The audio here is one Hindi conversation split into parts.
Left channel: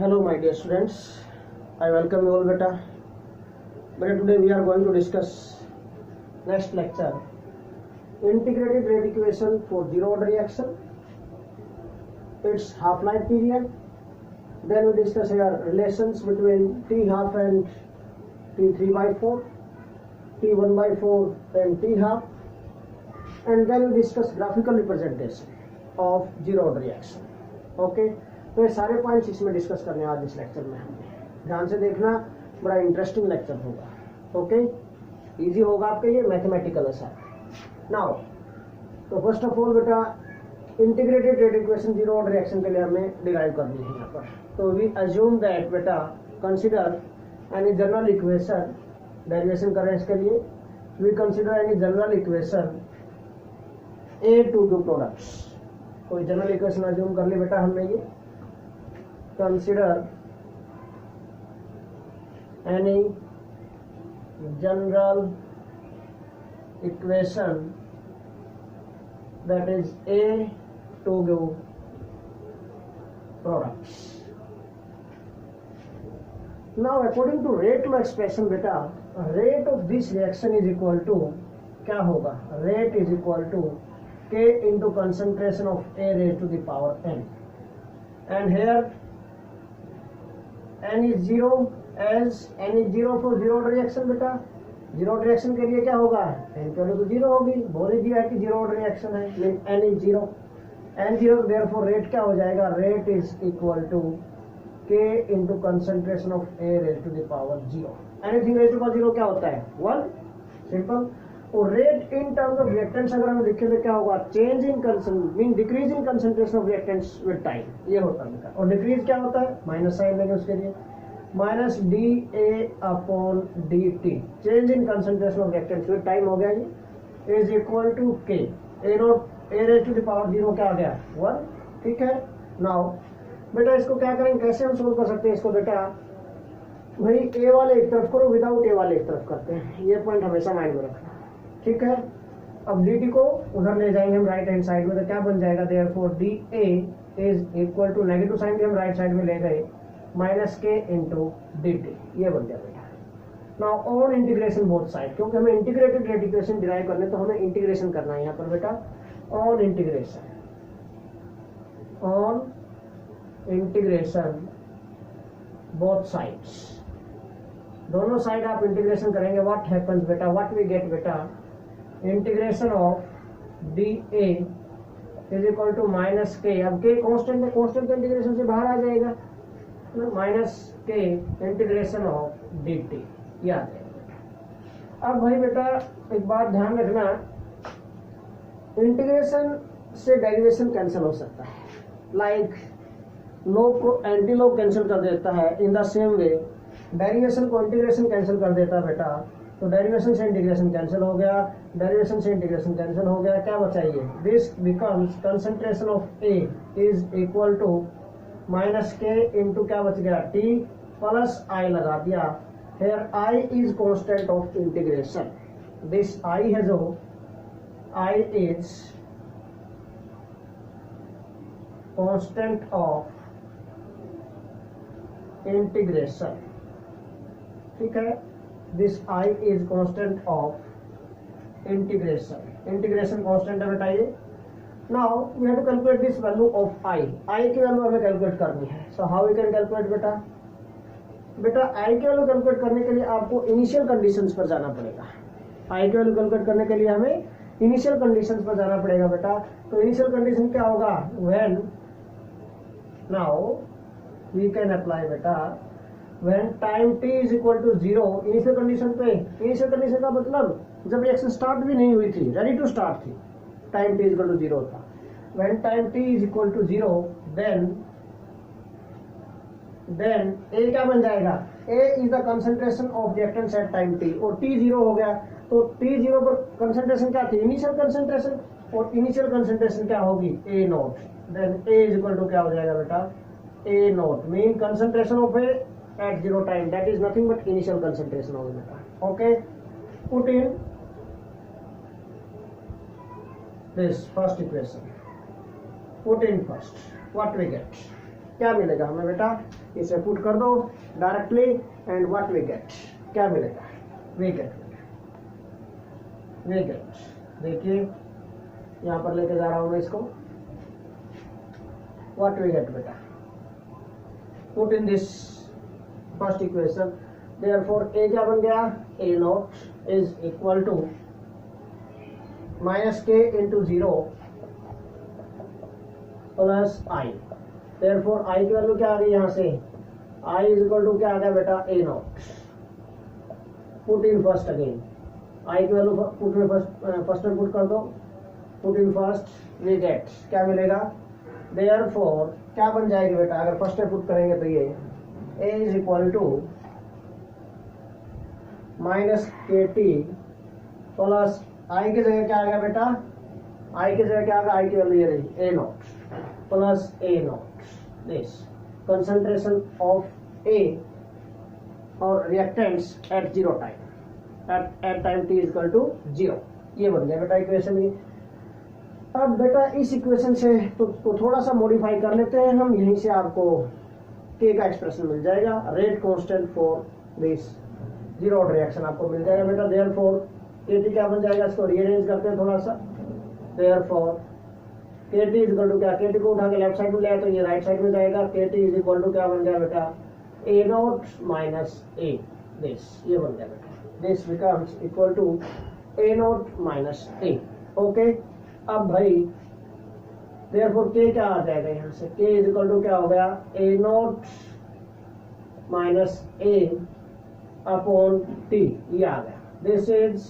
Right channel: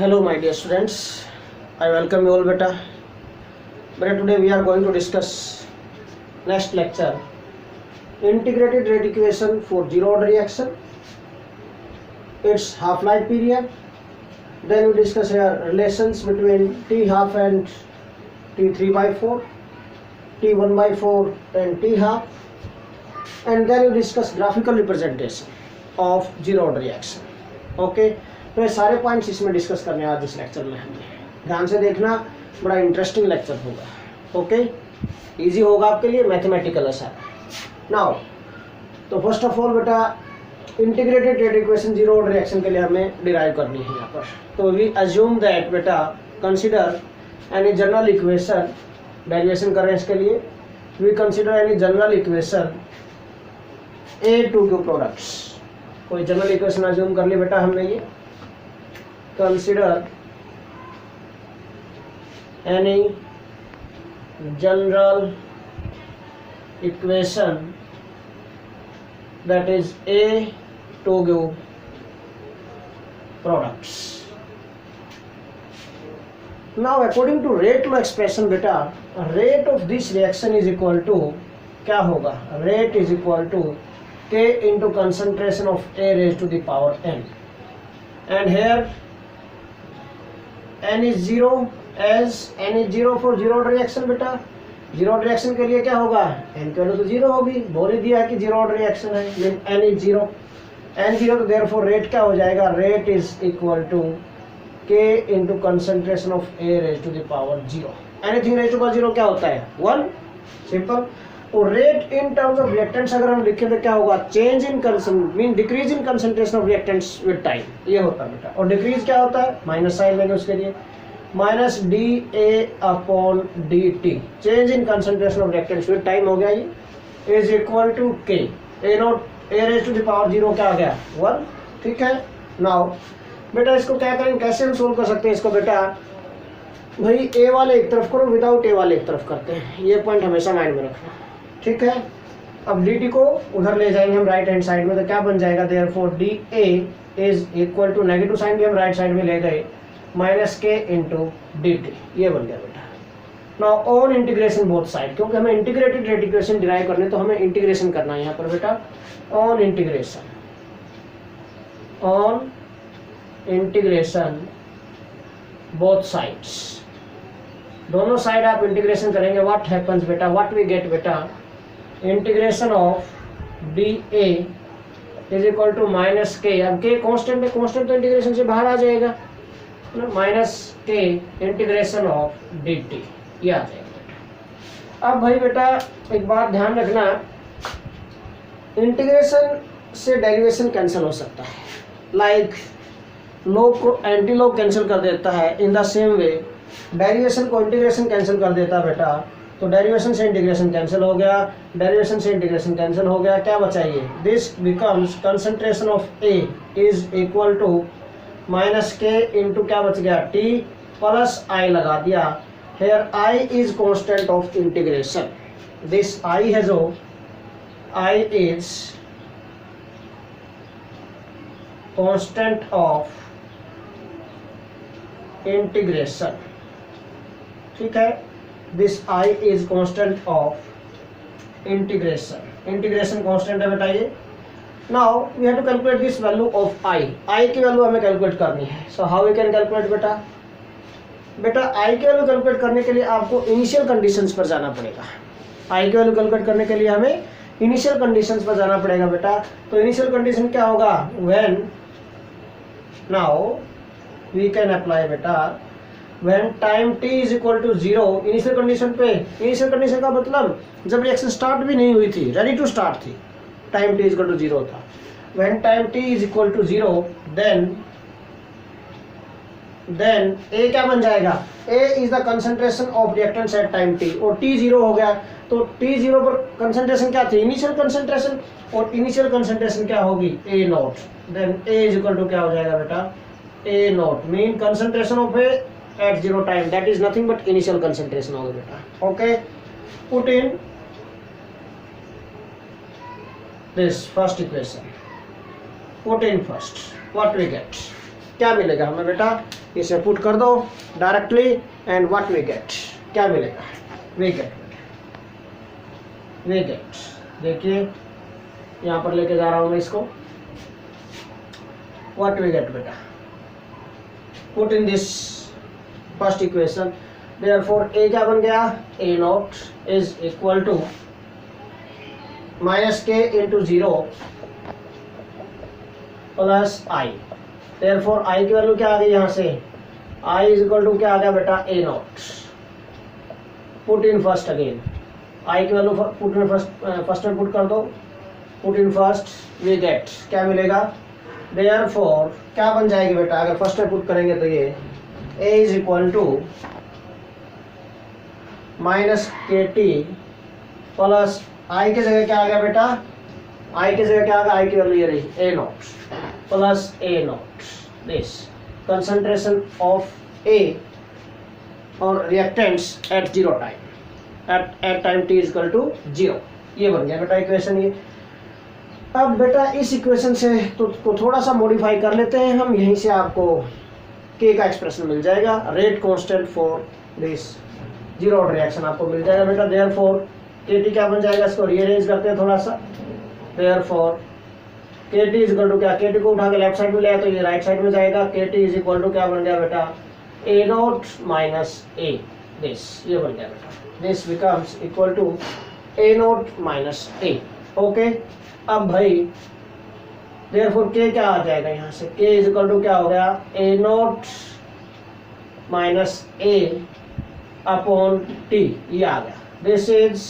Hello my dear students, I welcome you all beta. Beta, today we are going to discuss next lecture, integrated rate equation for zero order reaction, its half-life period. Then we discuss here relations between T half and T3 by 4, T1 by 4 and T half, and then we discuss graphical representation of zero order reaction. Okay, तो ये सारे पॉइंट्स इसमें डिस्कस करने आज इस लेक्चर में हमने ध्यान से देखना, बड़ा इंटरेस्टिंग लेक्चर होगा। ओके, इजी होगा आपके लिए, मैथमेटिकल है नाउ। तो फर्स्ट ऑफ ऑल बेटा, integrated rate equation zero order reaction के लिए हमें डिराइव करनी है यहाँ पर। तो वी अज्यूम दैट बेटा, consider any general equation, derivation कर रहे हैं इसके लिए। We consider any general equation A to Q products. कोई जनरल इक्वेशन अज्यूम कर लिया बेटा हमने, ये consider any general equation that is A to Q products. Now according to rate law expression बेटा, rate of this reaction is equal to क्या होगा? Rate is equal to K into concentration of A raised to the power n, and here n is zero as n is zero for zero order reaction बेटा। जीरो ऑर्डर रिएक्शन के लिए क्या होगा? n की वैल्यू तो जीरो होगी, बोल ही दिया कि जीरो ऑर्डर रिएक्शन है, mean n is zero, n zero, तो देयरफॉर रेट क्या हो जाएगा? Rate is equal to k into concentration of a raise to the power zero. Anything raise to power zero क्या होता है? 1, सिंपल। और rate in terms of reactants अगर हम लिखें तो क्या होगा? Change in mean decrease in concentration of reactants with time, ये होता है बेटा। और डिक्रीज क्या होता है? माइनस साइन लेंगे उसके लिए, minus d A upon d t, change in concentration of reactants with time हो गया ये, is equal to k A naught A raise to the power zero क्या आ गया? 1, ठीक है। नाउ बेटा इसको क्या करेंगे, कैसे हम सोल्व कर सकते हैं इसको बेटा? भाई ए वाले एक तरफ करो, विदाउट ए वाले एक तरफ करते हैं, ये पॉइंट हमेशा माइंड में रखना, ठीक है। अब डी टी को उधर ले जाएंगे हम राइट हैंड साइड में, तो क्या बन जाएगा? Therefore D A is equal to, negative sign भी हम राइट साइड में ले गए, minus k into D T, ये बन गया बेटा। Now on integration both side, क्योंकि हमें इंटीग्रेटेड रेट इक्वेशन डिराइव करने, तो हमें इंटीग्रेशन करना है यहाँ पर बेटा। On integration, on integration both sides, दोनों साइड आप इंटीग्रेशन करेंगे, व्हाट हैपेंस बेटा? व्हाट वी गेट बेटा? Integration of D A is equal to minus K, अब के कांस्टेंट है, कांस्टेंट तो इंटीग्रेशन से बाहर आ जाएगा, माइनस के इंटीग्रेशन ऑफ डी टी, ये आ जाएगा बेटा। अब भाई बेटा एक बात ध्यान रखना, इंटीग्रेशन से डेरिवेशन कैंसिल हो सकता है, लाइक लॉग को एंटी लॉग कैंसिल कर देता है, in the same way derivation को इंटीग्रेशन कैंसिल कर देता है बेटा। तो डेरिवेशन से इंटीग्रेशन कैंसिल हो गया, डेरिवेशन से इंटीग्रेशन कैंसिल हो गया, क्या बचाइए? This becomes concentration of A is equal to minus k into क्या बच गया? टी प्लस आई लगा दिया। Here I is constant of integration, this I है जो I is constant of integration, ठीक है। This I is constant of integration, integration constant है बेटा ये। Now we have to calculate this value of I, I की वैल्यू हमें कैलकुलेट करनी है। So how we can calculate बेटा? बेटा आई की वैल्यू कैलकुलेट करने के लिए आपको इनिशियल कंडीशंस पर जाना पड़ेगा। आई की वैल्यू कैलकुलेट करने के लिए हमें इनिशियल कंडीशंस पर जाना पड़ेगा बेटा। तो इनिशियल कंडीशन क्या होगा? When, now we can apply बेटा when time t is equal to zero, initial condition पे, इनिशियल कंडीशन का मतलब जब रिएक्शन स्टार्ट भी नहीं हुई थी, रेडी टू स्टार्ट थी, time t is equal to zero था। when time t is equal to zero, then a क्या बन जाएगा? a is the concentration of reactants at time t, और t जीरो हो गया, तो t जीरो पर कंसंट्रेशन क्या थी? इनिशियल कंसंट्रेशन, और इनिशियल कंसंट्रेशन क्या होगी? a naught, then a is equal to क्या हो जाएगा बेटा? a naught mean concentration of a at zero time, that is nothing but initial concentration होगा बेटा। okay, put in this first equation, put in first, what we get? क्या मिलेगा हमें बेटा, इसे पुट कर दो directly and what we get, क्या मिलेगा, वी गेट देखिए यहाँ पर लेके जा रहा हूँ मैं इसको, व्हाट वी गेट बेटा, put in this first equation, therefore A क्या बन गया, A naught is equal to minus k into 0 plus I, therefore I की वैल्यू क्या आ गई यहाँ से, आई इज इक्वल टू क्या आ गया बेटा, A naught, put in first again, I की वैल्यू पुट इन फर्स्ट में पुट कर दो, put in first we get क्या मिलेगा, देयरफॉर क्या बन जाएगी बेटा, अगर फर्स्ट में पुट करेंगे तो ये ए इज इक्वल टू माइनस के टी प्लस आई की जगह क्या आ गया बेटा, आई की जगह क्या आ गया, आई की वैल्यू ये रही A naught plus A naught, this concentration of A और reactants at 0 time, at time T is equal to 0, ये बन गया बेटा इक्वेशन ये। अब बेटा इस इक्वेशन से तो थोड़ा सा मॉडिफाई कर लेते हैं हम, यहीं से आपको के का एक्सप्रेशन मिल जाएगा, rate constant for this 0 order reaction आपको मिल जाएगा बेटा, देयरफॉर के टी क्या बन जाएगा, इसको रीअरेंज करते हैं थोड़ा सा, देयरफॉर के टी इज इक्वल टू क्या, के टी को उठा के लेफ्ट साइड में ले आए तो ये राइट साइड में जाएगा, के टी इज इक्वल टू क्या बन गया बेटा, A naught minus A, this ये बन गया बेटा, this becomes equal to A naught minus A, okay. अब भाई देयरफॉर के क्या आ जाएगा यहाँ से, के इज इक्वल टू क्या हो गया, A naught minus A upon t, ये आ गया, this is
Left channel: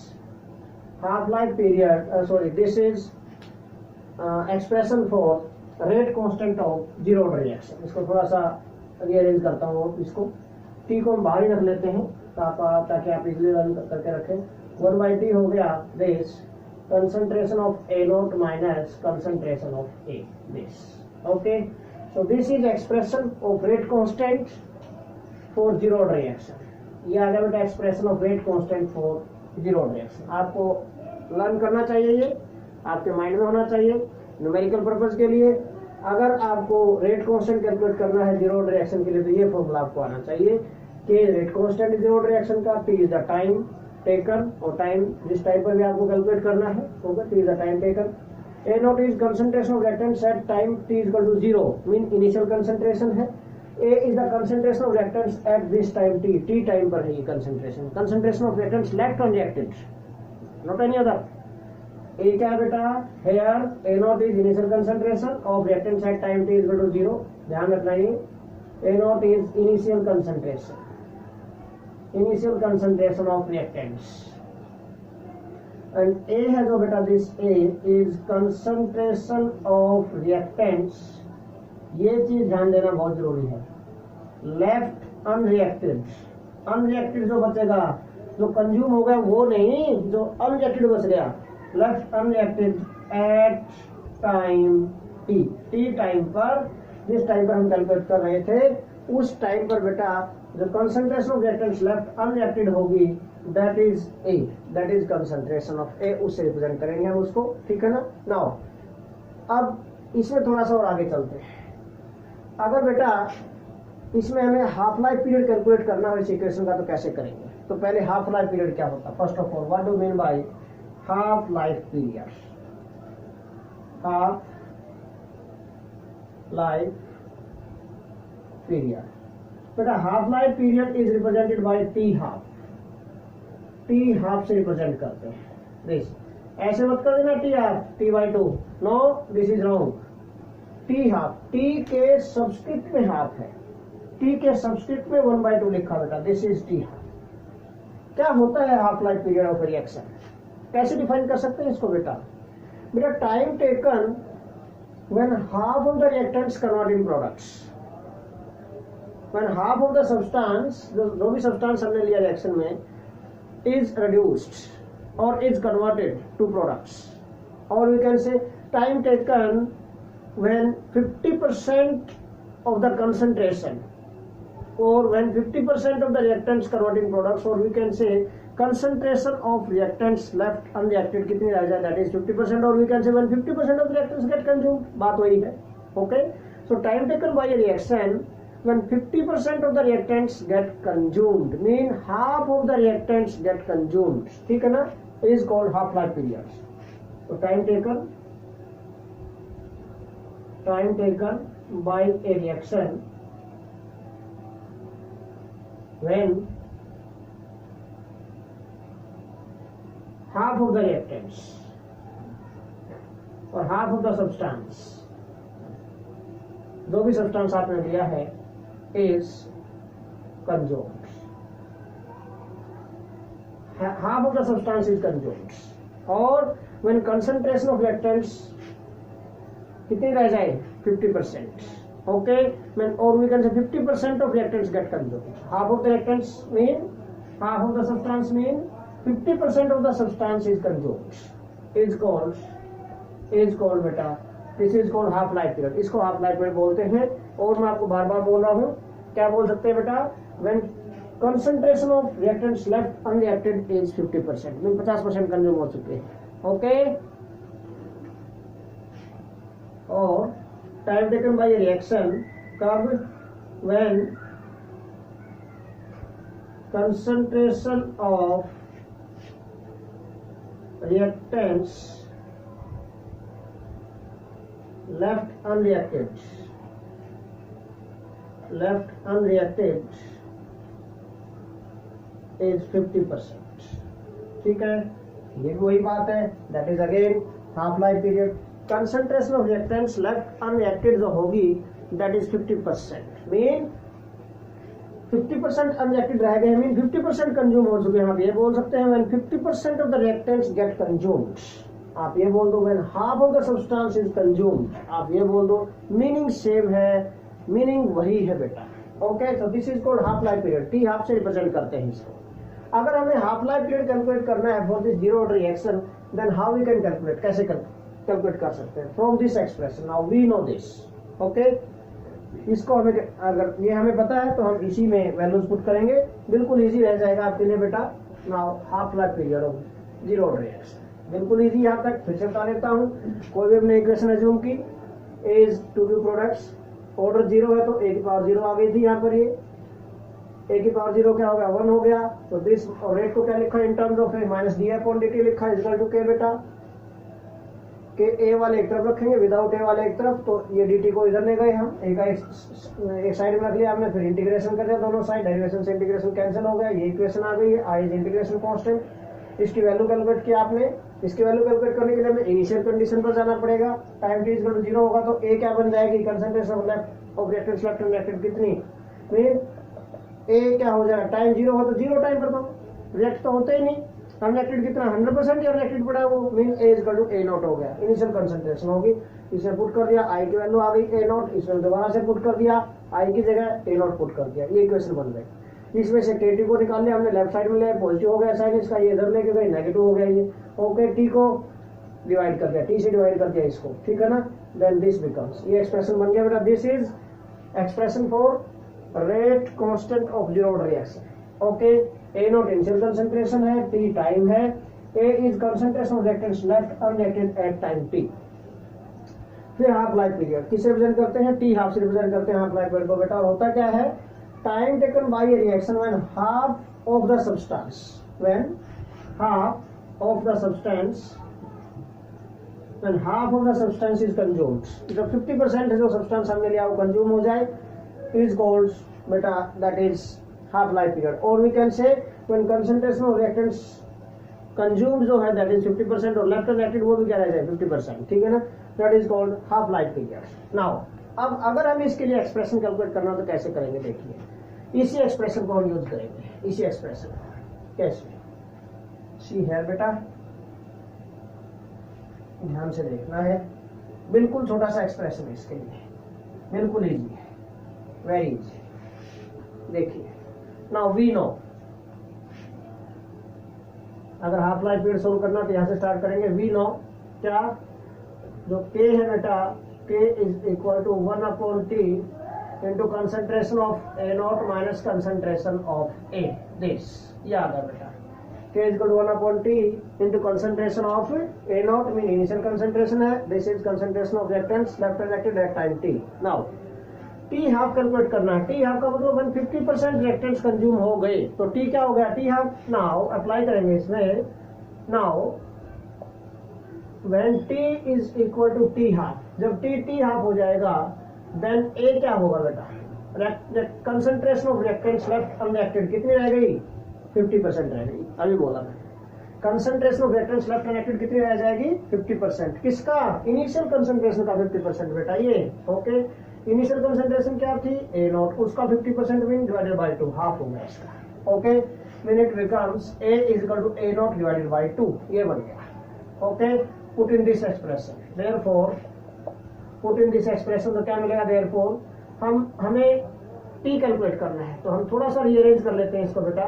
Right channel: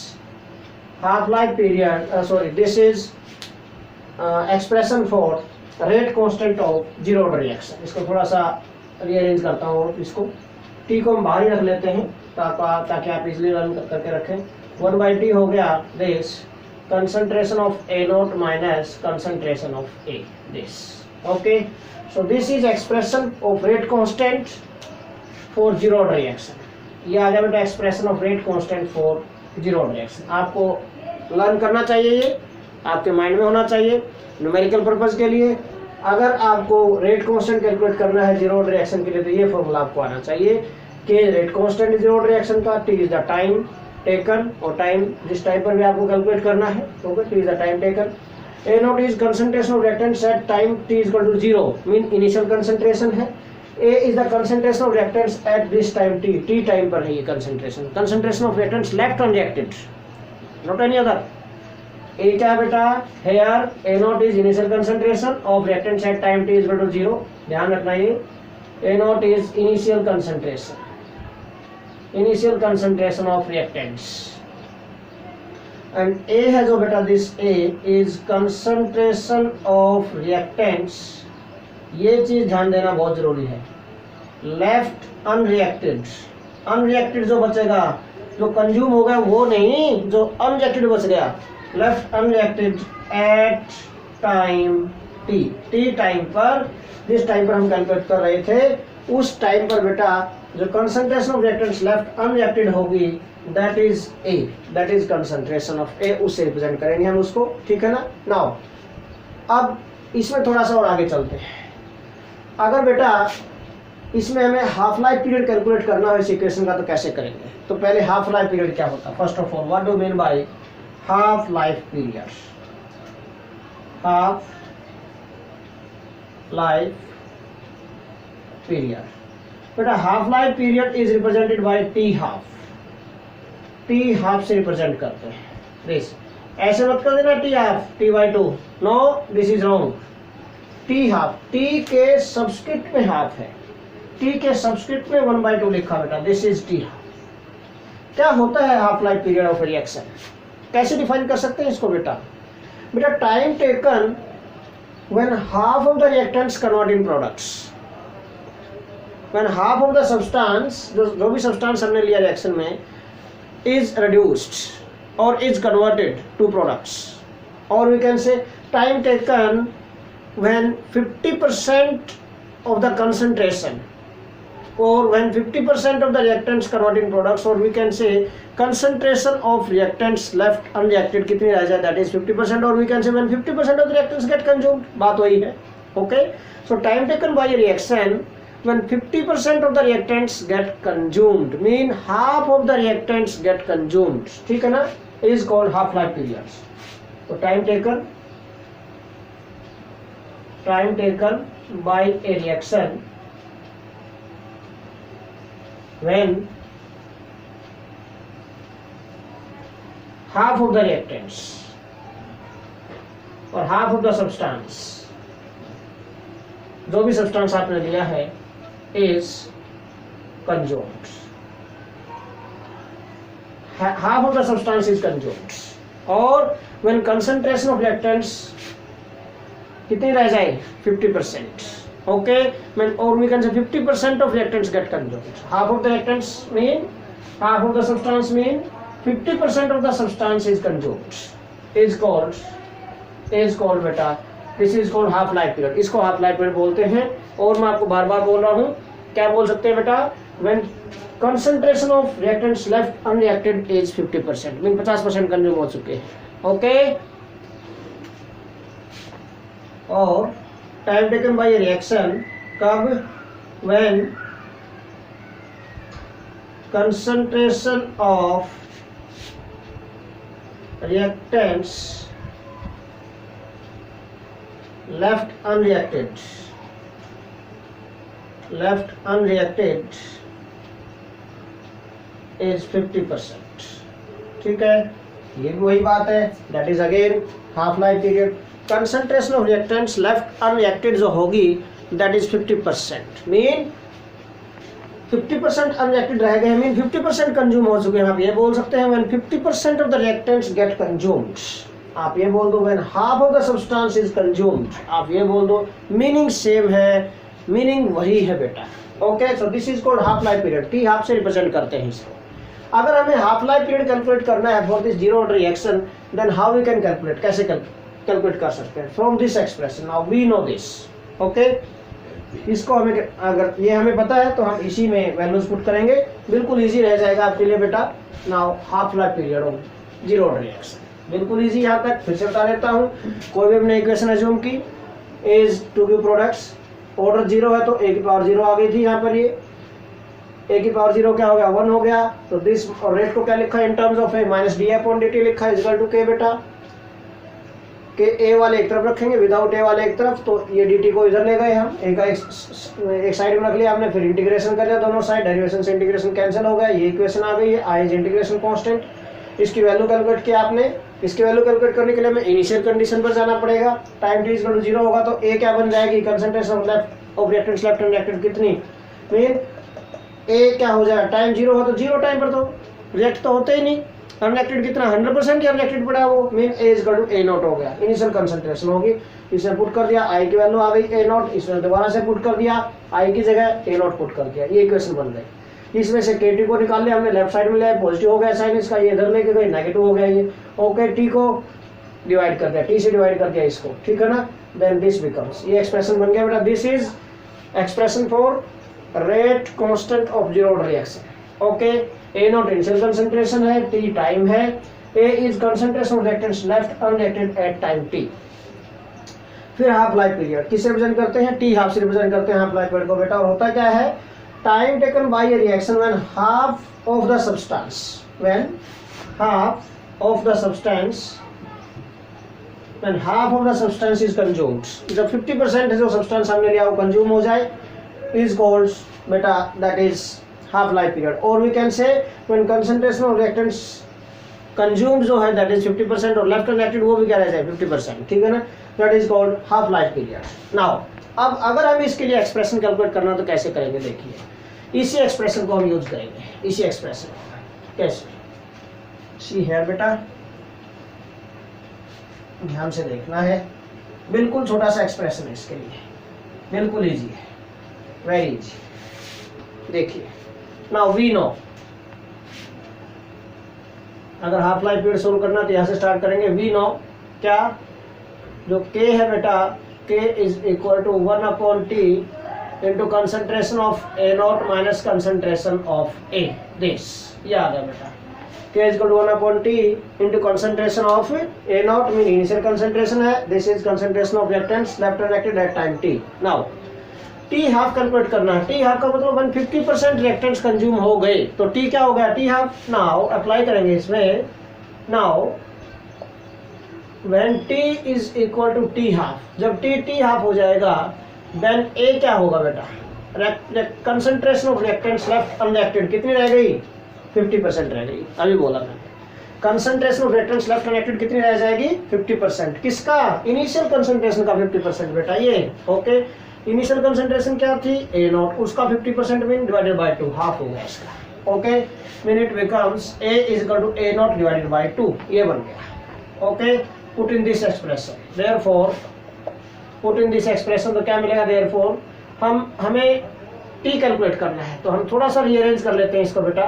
half life period, this is expression for rate constant of 0 order reaction। इसको थोड़ा सा रीअरेंज करता हूँ और इसको t को हम बाहर ही रख लेते हैं ताकि आप इजिली रन करके रखें, 1/t हो गया this concentration of A naught minus concentration of A, this, okay, so this is expression of rate constant for 0 order reaction, ये आ गया बेटा expression of rate constant for 0 order reaction. आपको लर्न करना चाहिए, ये आपके माइंड में होना चाहिए न्यूमेरिकल पर्पस के लिए। अगर आपको रेट कांस्टेंट कैलकुलेट करना है 0 ऑर्डर रिएक्शन के लिए तो ये फॉर्मूला आपको आना चाहिए कि रेट कांस्टेंट 0 ऑर्डर रिएक्शन का, T is the time taken, और टाइम जिस टाइम पर भी आपको कैलकुलेट करना है, okay, T is the time taken, A naught is concentration of reactants at time T is equal to 0, mean initial concentration है, A is the concentration of reactants at this time t, t time पर है ये concentration of reactants left unreacted, not any other। A क्या बेटा, here A naught is initial concentration of reactants at time t is equal to 0, ध्यान रखना ये, A naught is initial concentration of reactants, and A है जो बेटा, this A is concentration of reactants, ये चीज ध्यान देना बहुत जरूरी है, लेफ्ट अनरिएक्टेड जो बचेगा, जो कंज्यूम हो गया वो नहीं, जो अनरिएक्टेड बच गया, left unreacted at time T time पर, जिस टाइम पर हम कैलकुलेट कर रहे थे उस टाइम पर बेटा जो concentration of reactants left unreacted होगी that is A, that is concentration of A, उससे रिप्रेजेंट करेंगे हम उसको, ठीक है ना। नाउ अब इसमें थोड़ा सा और आगे चलते हैं। अगर बेटा इसमें हमें हाफ लाइफ पीरियड कैलकुलेट करना हो इस इक्वेशन का तो कैसे करेंगे, तो पहले हाफ लाइफ पीरियड क्या होता है, first of all what do mean by half life period, half life period बेटा, half life period is represented by t half से रिप्रेजेंट करते हैं दिस, ऐसे मत कर देना t half t/2, no this is wrong, t half, t के सबस्क्रिप्ट में हाफ है, टी के सबस्क्रिप्ट में 1/2 लिखा बेटा, दिस इज टी हाफ। क्या होता है half life period of reaction, कैसे डिफाइन कर सकते हैं इसको बेटा, time taken when half of the reactants convert in products, when half of the substance, जो भी सब्सटेंस हमने लिया रिएक्शन में, इज रिड्यूस्ड और इज कन्वर्टेड टू प्रोडक्ट्स, और we can say time taken when 50% of the concentration, or when 50% of the reactants convert in products, or we can say concentration of reactants left unreacted कितनी रह जाए, that is 50%, or we can say when 50% of the reactants get consumed, बात वही है, Okay, so time taken by a reaction when 50% of the reactants get consumed, mean half of the reactants get consumed, ठीक है ना, is called half life periods. So time taken by a reaction when half of the reactants और half of the substance, जो भी सब्सटेंस आपने लिया है, is consumed, half of the substance is consumed, और when concentration of reactants कितनी रह जाए 50%, okay, or we can say 50% of reactants get consumed, half of the reactants mean half of the substance mean 50% of the substance is consumed, is called बेटा, this is called half life period, इसको हाफ लाइफ पीरियड बोलते हैं. और मैं आपको बार बार बोल रहा हूँ, क्या बोल सकते हैं बेटा, when concentration of reactants left unreacted is 50%, mean 50% consume हो चुके हैं. ओके, और टाइम टेकन बाय रिएक्शन कब, when concentration of reactants left unreacted is 50%. ठीक है, ये भी वही बात है, that is again half life period. Concentration of reactants left unreacted जो होगी that is 50%, mean 50% unreacted रह गए, mean 50% कंज्यूम हो चुके हैं. आप ये बोल सकते हैं when 50% of the reactants get consumed, आप ये बोल दो when half of the substance is consumed, आप ये बोल दो, मीनिंग सेम है, मीनिंग वही है बेटा. Okay, so this is called half life period. T half से रिप्रेजेंट करते हैं इसको. अगर हमें हाफ लाइफ पीरियड कैलकुलेट करना है for this zero order reaction, then how we can calculate, कैसे कैलकुलेट कर सकते हैं, from this expression. Now we know this. Okay, इसको हमें, अगर ये हमें पता है तो हम इसी में वैल्यूज पुट करेंगे, बिल्कुल इजी रह जाएगा आपके लिए बेटा. Now half life period of zero order reaction बिल्कुल इजी. यहाँ तक फिर से बता देता हूँ, कोई भी हमने इक्वेशन अज्यूम की, as to be products, order zero है तो ए की पावर जीरो आ गई थी. यहाँ पर ये ए की पावर जीरो क्या हो गया, 1 हो गया. तो दिस और रेट को क्या लिखा है इन terms of A minus D upon d T लिखा है इक्वल टू के बेटा. के ए वाले एक तरफ रखेंगे, विदाउट ए वाले एक तरफ, तो ये डी टी को इधर ले गए हम, ए का एक साइड में रख लिया हमने, फिर इंटीग्रेशन कर लिया दोनों साइड, डेरिवेशन से इंटीग्रेशन कैंसिल हो गया, ये इक्वेशन आ गई है. आई इज इंटीग्रेशन कांस्टेंट, इसकी वैल्यू कैलकुलेट किया आपने. इसकी वैल्यू कैलकुलेट करने के लिए हमें इनिशियल कंडीशन पर जाना पड़ेगा. टाइम टी इक्वल टू 0 होगा तो ए क्या बन जाएगी, concentration of reactants left unreacted कितनी, मीन ए क्या हो जाएगा, टाइम 0 हो तो 0 टाइम पर तो रिएक्ट तो होते ही नहीं. अनरिएक्टेड कितना 100% या रिएक्टेड पड़ा वो, mean A equal to A naught हो गया. इनिशियल कंसंट्रेशन होगी, इसमें पुट कर दिया, आई की वैल्यू आ गई ए नॉट, इसमें दोबारा से पुट कर दिया, आई की जगह ए नॉट पुट कर दिया, ये इक्वेशन बन गई. इसमें से के टी को निकाल लिया हमने, लेफ्ट साइड में लिया, पॉजिटिव हो गया साइन इसका, ये इधर लेके गए नेगेटिव हो गया ये. ओके, टी को डिवाइड कर दिया, टी से डिवाइड कर दिया इसको, ठीक है ना. देन दिस बिकम्स, ये एक्सप्रेशन बन गया बेटा. This is expression for rate constant of zero order reaction. Okay, A naught initial concentration है, टी टाइम है, A is concentration of reactants left unreacted at time t. फिर हाफ लाइफ पीरियड किससे रिप्रेजेंट करते हैं, टी हाफ से रिप्रेजेंट करते हैं हाफ लाइफ पीरियड को बेटा. और होता क्या है, time taken by a reaction when half of the substance is consumed, जब 50% जो सब्सटेंस हमने लिया वो कंज्यूम हो जाए, is called beta, that is half life period. or we can say when concentration of reactants consumed जो है that is 50% और left unreacted वो भी क्या रह जाए 50%, ठीक है ना. that is called half life period. now अब अगर हम इसके लिए एक्सप्रेशन कैलकुलेट करना तो कैसे करेंगे, देखिए इसी एक्सप्रेशन को हम यूज करेंगे. इसी एक्सप्रेशन कैसे, सी है बेटा, ध्यान से देखना है, बिल्कुल छोटा सा एक्सप्रेशन है इसके लिए, बिल्कुल इजी है, वेरी इजी. देखिए नाउ वी नो, अगर हाफ लाइफ पीरियड सोल्व करना तो यहाँ से स्टार्ट करेंगे. वी नो क्या, जो के है बेटा, K is equal to 1 upon T into concentration of A naught minus concentration of A. This याद है बेटा, K is equal to 1/T into concentration of A naught, mean initial concentration है, this is concentration of reactants left and active at time T. Now T half calculate करना है, T हाफ का मतलब 150% रिएक्टेंट्स कंज्यूम हो गए, तो T क्या हो गया, T हाफ. नाउ अप्लाई करेंगे इसमें. Now when T is equal to T half, जब T हाफ हो जाएगा then A क्या होगा बेटा, concentration of reactants left unreacted कितनी रह गई, 50% रह गई. अभी बोला मैं, concentration of reactants left unreacted कितनी रह जाएगी, 50%. किसका, इनिशियल कंसंट्रेशन का 50% बेटा ये. ओके, इनिशियल कंसंट्रेशन क्या थी, A नॉट, उसका 50% मीन डिवाइडेड बाय 2, हाफ हो गया इसका. Okay, mean it becomes A is equal to A naught divided by 2, ये बन गया. Okay, put in this expression, therefore put in this expression, तो क्या मिलेगा, देयरफॉर हमें T कैलकुलेट करना है, तो हम थोड़ा सा रीअरेंज कर लेते हैं इसको बेटा.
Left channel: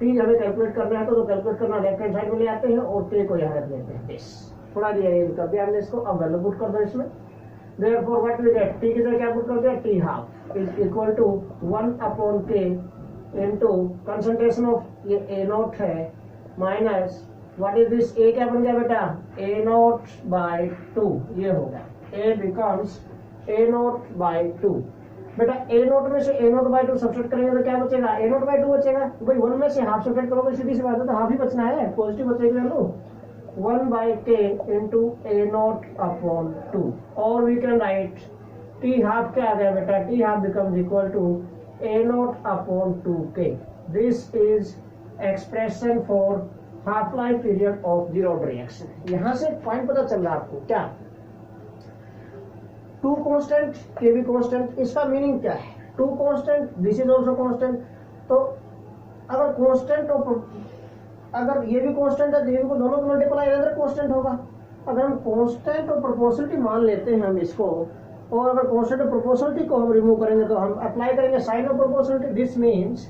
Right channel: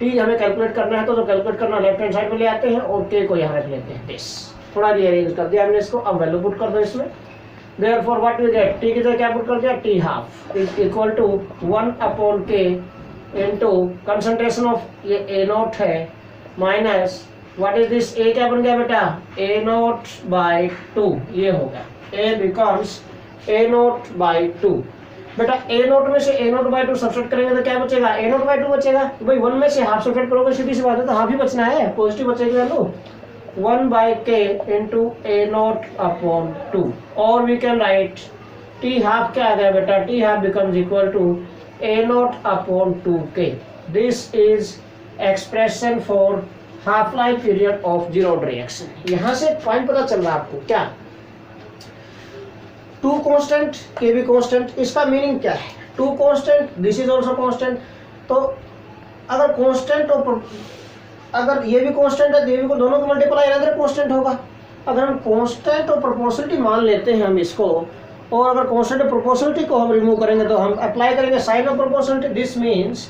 T हमें कैलकुलेट करना है, तो कैलकुलेट करना लेफ्ट हैंड साइड में ले आते हैं और K को यहाँ रख लेते हैं. दिस थोड़ा रीअरेंज कर दिया हमने इसको. अब वैल्यू पुट कर दो इसमें. Therefore what we get, T की जगह क्या पुट कर दिया, T half is equal to 1/K into concentration of ये A नॉट है minus what is this, A क्या बन गया बेटा, A नॉट बाय 2, ये हो गया. A becomes A naught by 2. बेटा A नॉट में से A नॉट बाय 2 सब्ट्रैक्ट करेंगे तो क्या बचेगा, A नॉट बाय 2 बचेगा. भाई 1 में से हाफ सब्ट्रैक्ट करोगे, सीधी सी बात है, तो हाफ ही बचना है, पॉजिटिव बचेगी value. 1/K into A naught upon 2, और we can write T half क्या आ गया बेटा, T half becomes equal to A naught upon 2K. This is expression for half life period of zero reaction. यहाँ से पॉइंट पता चल रहा है आपको क्या, 2 कांस्टेंट, K भी कांस्टेंट, इसका मीनिंग क्या है, 2 constant, this is also constant. तो अगर कांस्टेंट और अगर ये भी कांस्टेंट है, ये भी दोनों को मल्टीप्लाई अनदर कांस्टेंट होगा. अगर हम कांस्टेंट और प्रोपोर्शनलिटी मान लेते हैं हम इसको, और अगर कांस्टेंट और प्रोपोर्शनलिटी को हम रिमूव करेंगे तो हम अप्लाई करेंगे sign of proportionality. This means,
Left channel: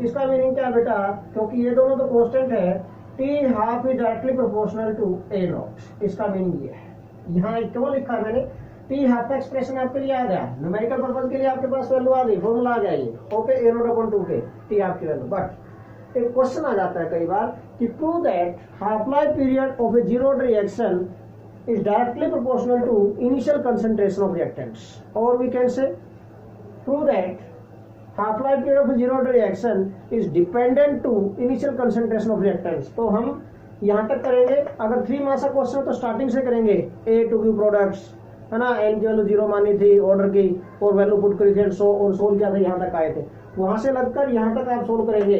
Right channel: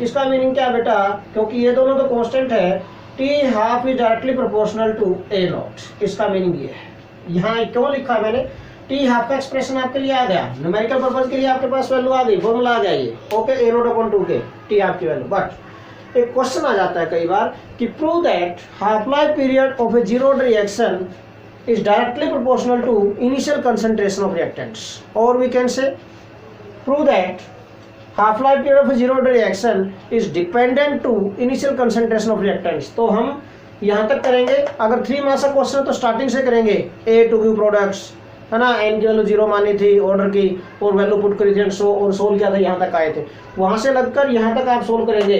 इसका मीनिंग क्या है बेटा, क्योंकि ये दोनों तो कांस्टेंट है, T half is directly proportional to A naught. इसका मीनिंग ये है. यहाँ क्यों लिखा मैंने, T हाफ का एक्सप्रेशन आपके लिए आ गया, न्यूमेरिकल पर्पस के लिए आपके पास वैल्यू आ गई, फॉर्मूला आ गया ये. Okay, A naught upon 2K T half की वैल्यू. बट एक क्वेश्चन आ जाता है कई बार कि prove that half life period of a zero reaction is directly proportional to initial concentration of reactants, और we can say prove that half life period of a zero reaction is dependent to initial concentration of reactants. तो हम यहाँ तक करेंगे, अगर 3 मार्क्स का क्वेश्चन है तो स्टार्टिंग से करेंगे. A टू Q प्रोडक्ट्स है ना, N की वैल्यू 0 मानी थी ऑर्डर की, और वैल्यू पुट करी थी और सोल्व किया था, यहाँ तक आए थे. वहाँ से लगकर यहाँ तक आप सोल्व करेंगे,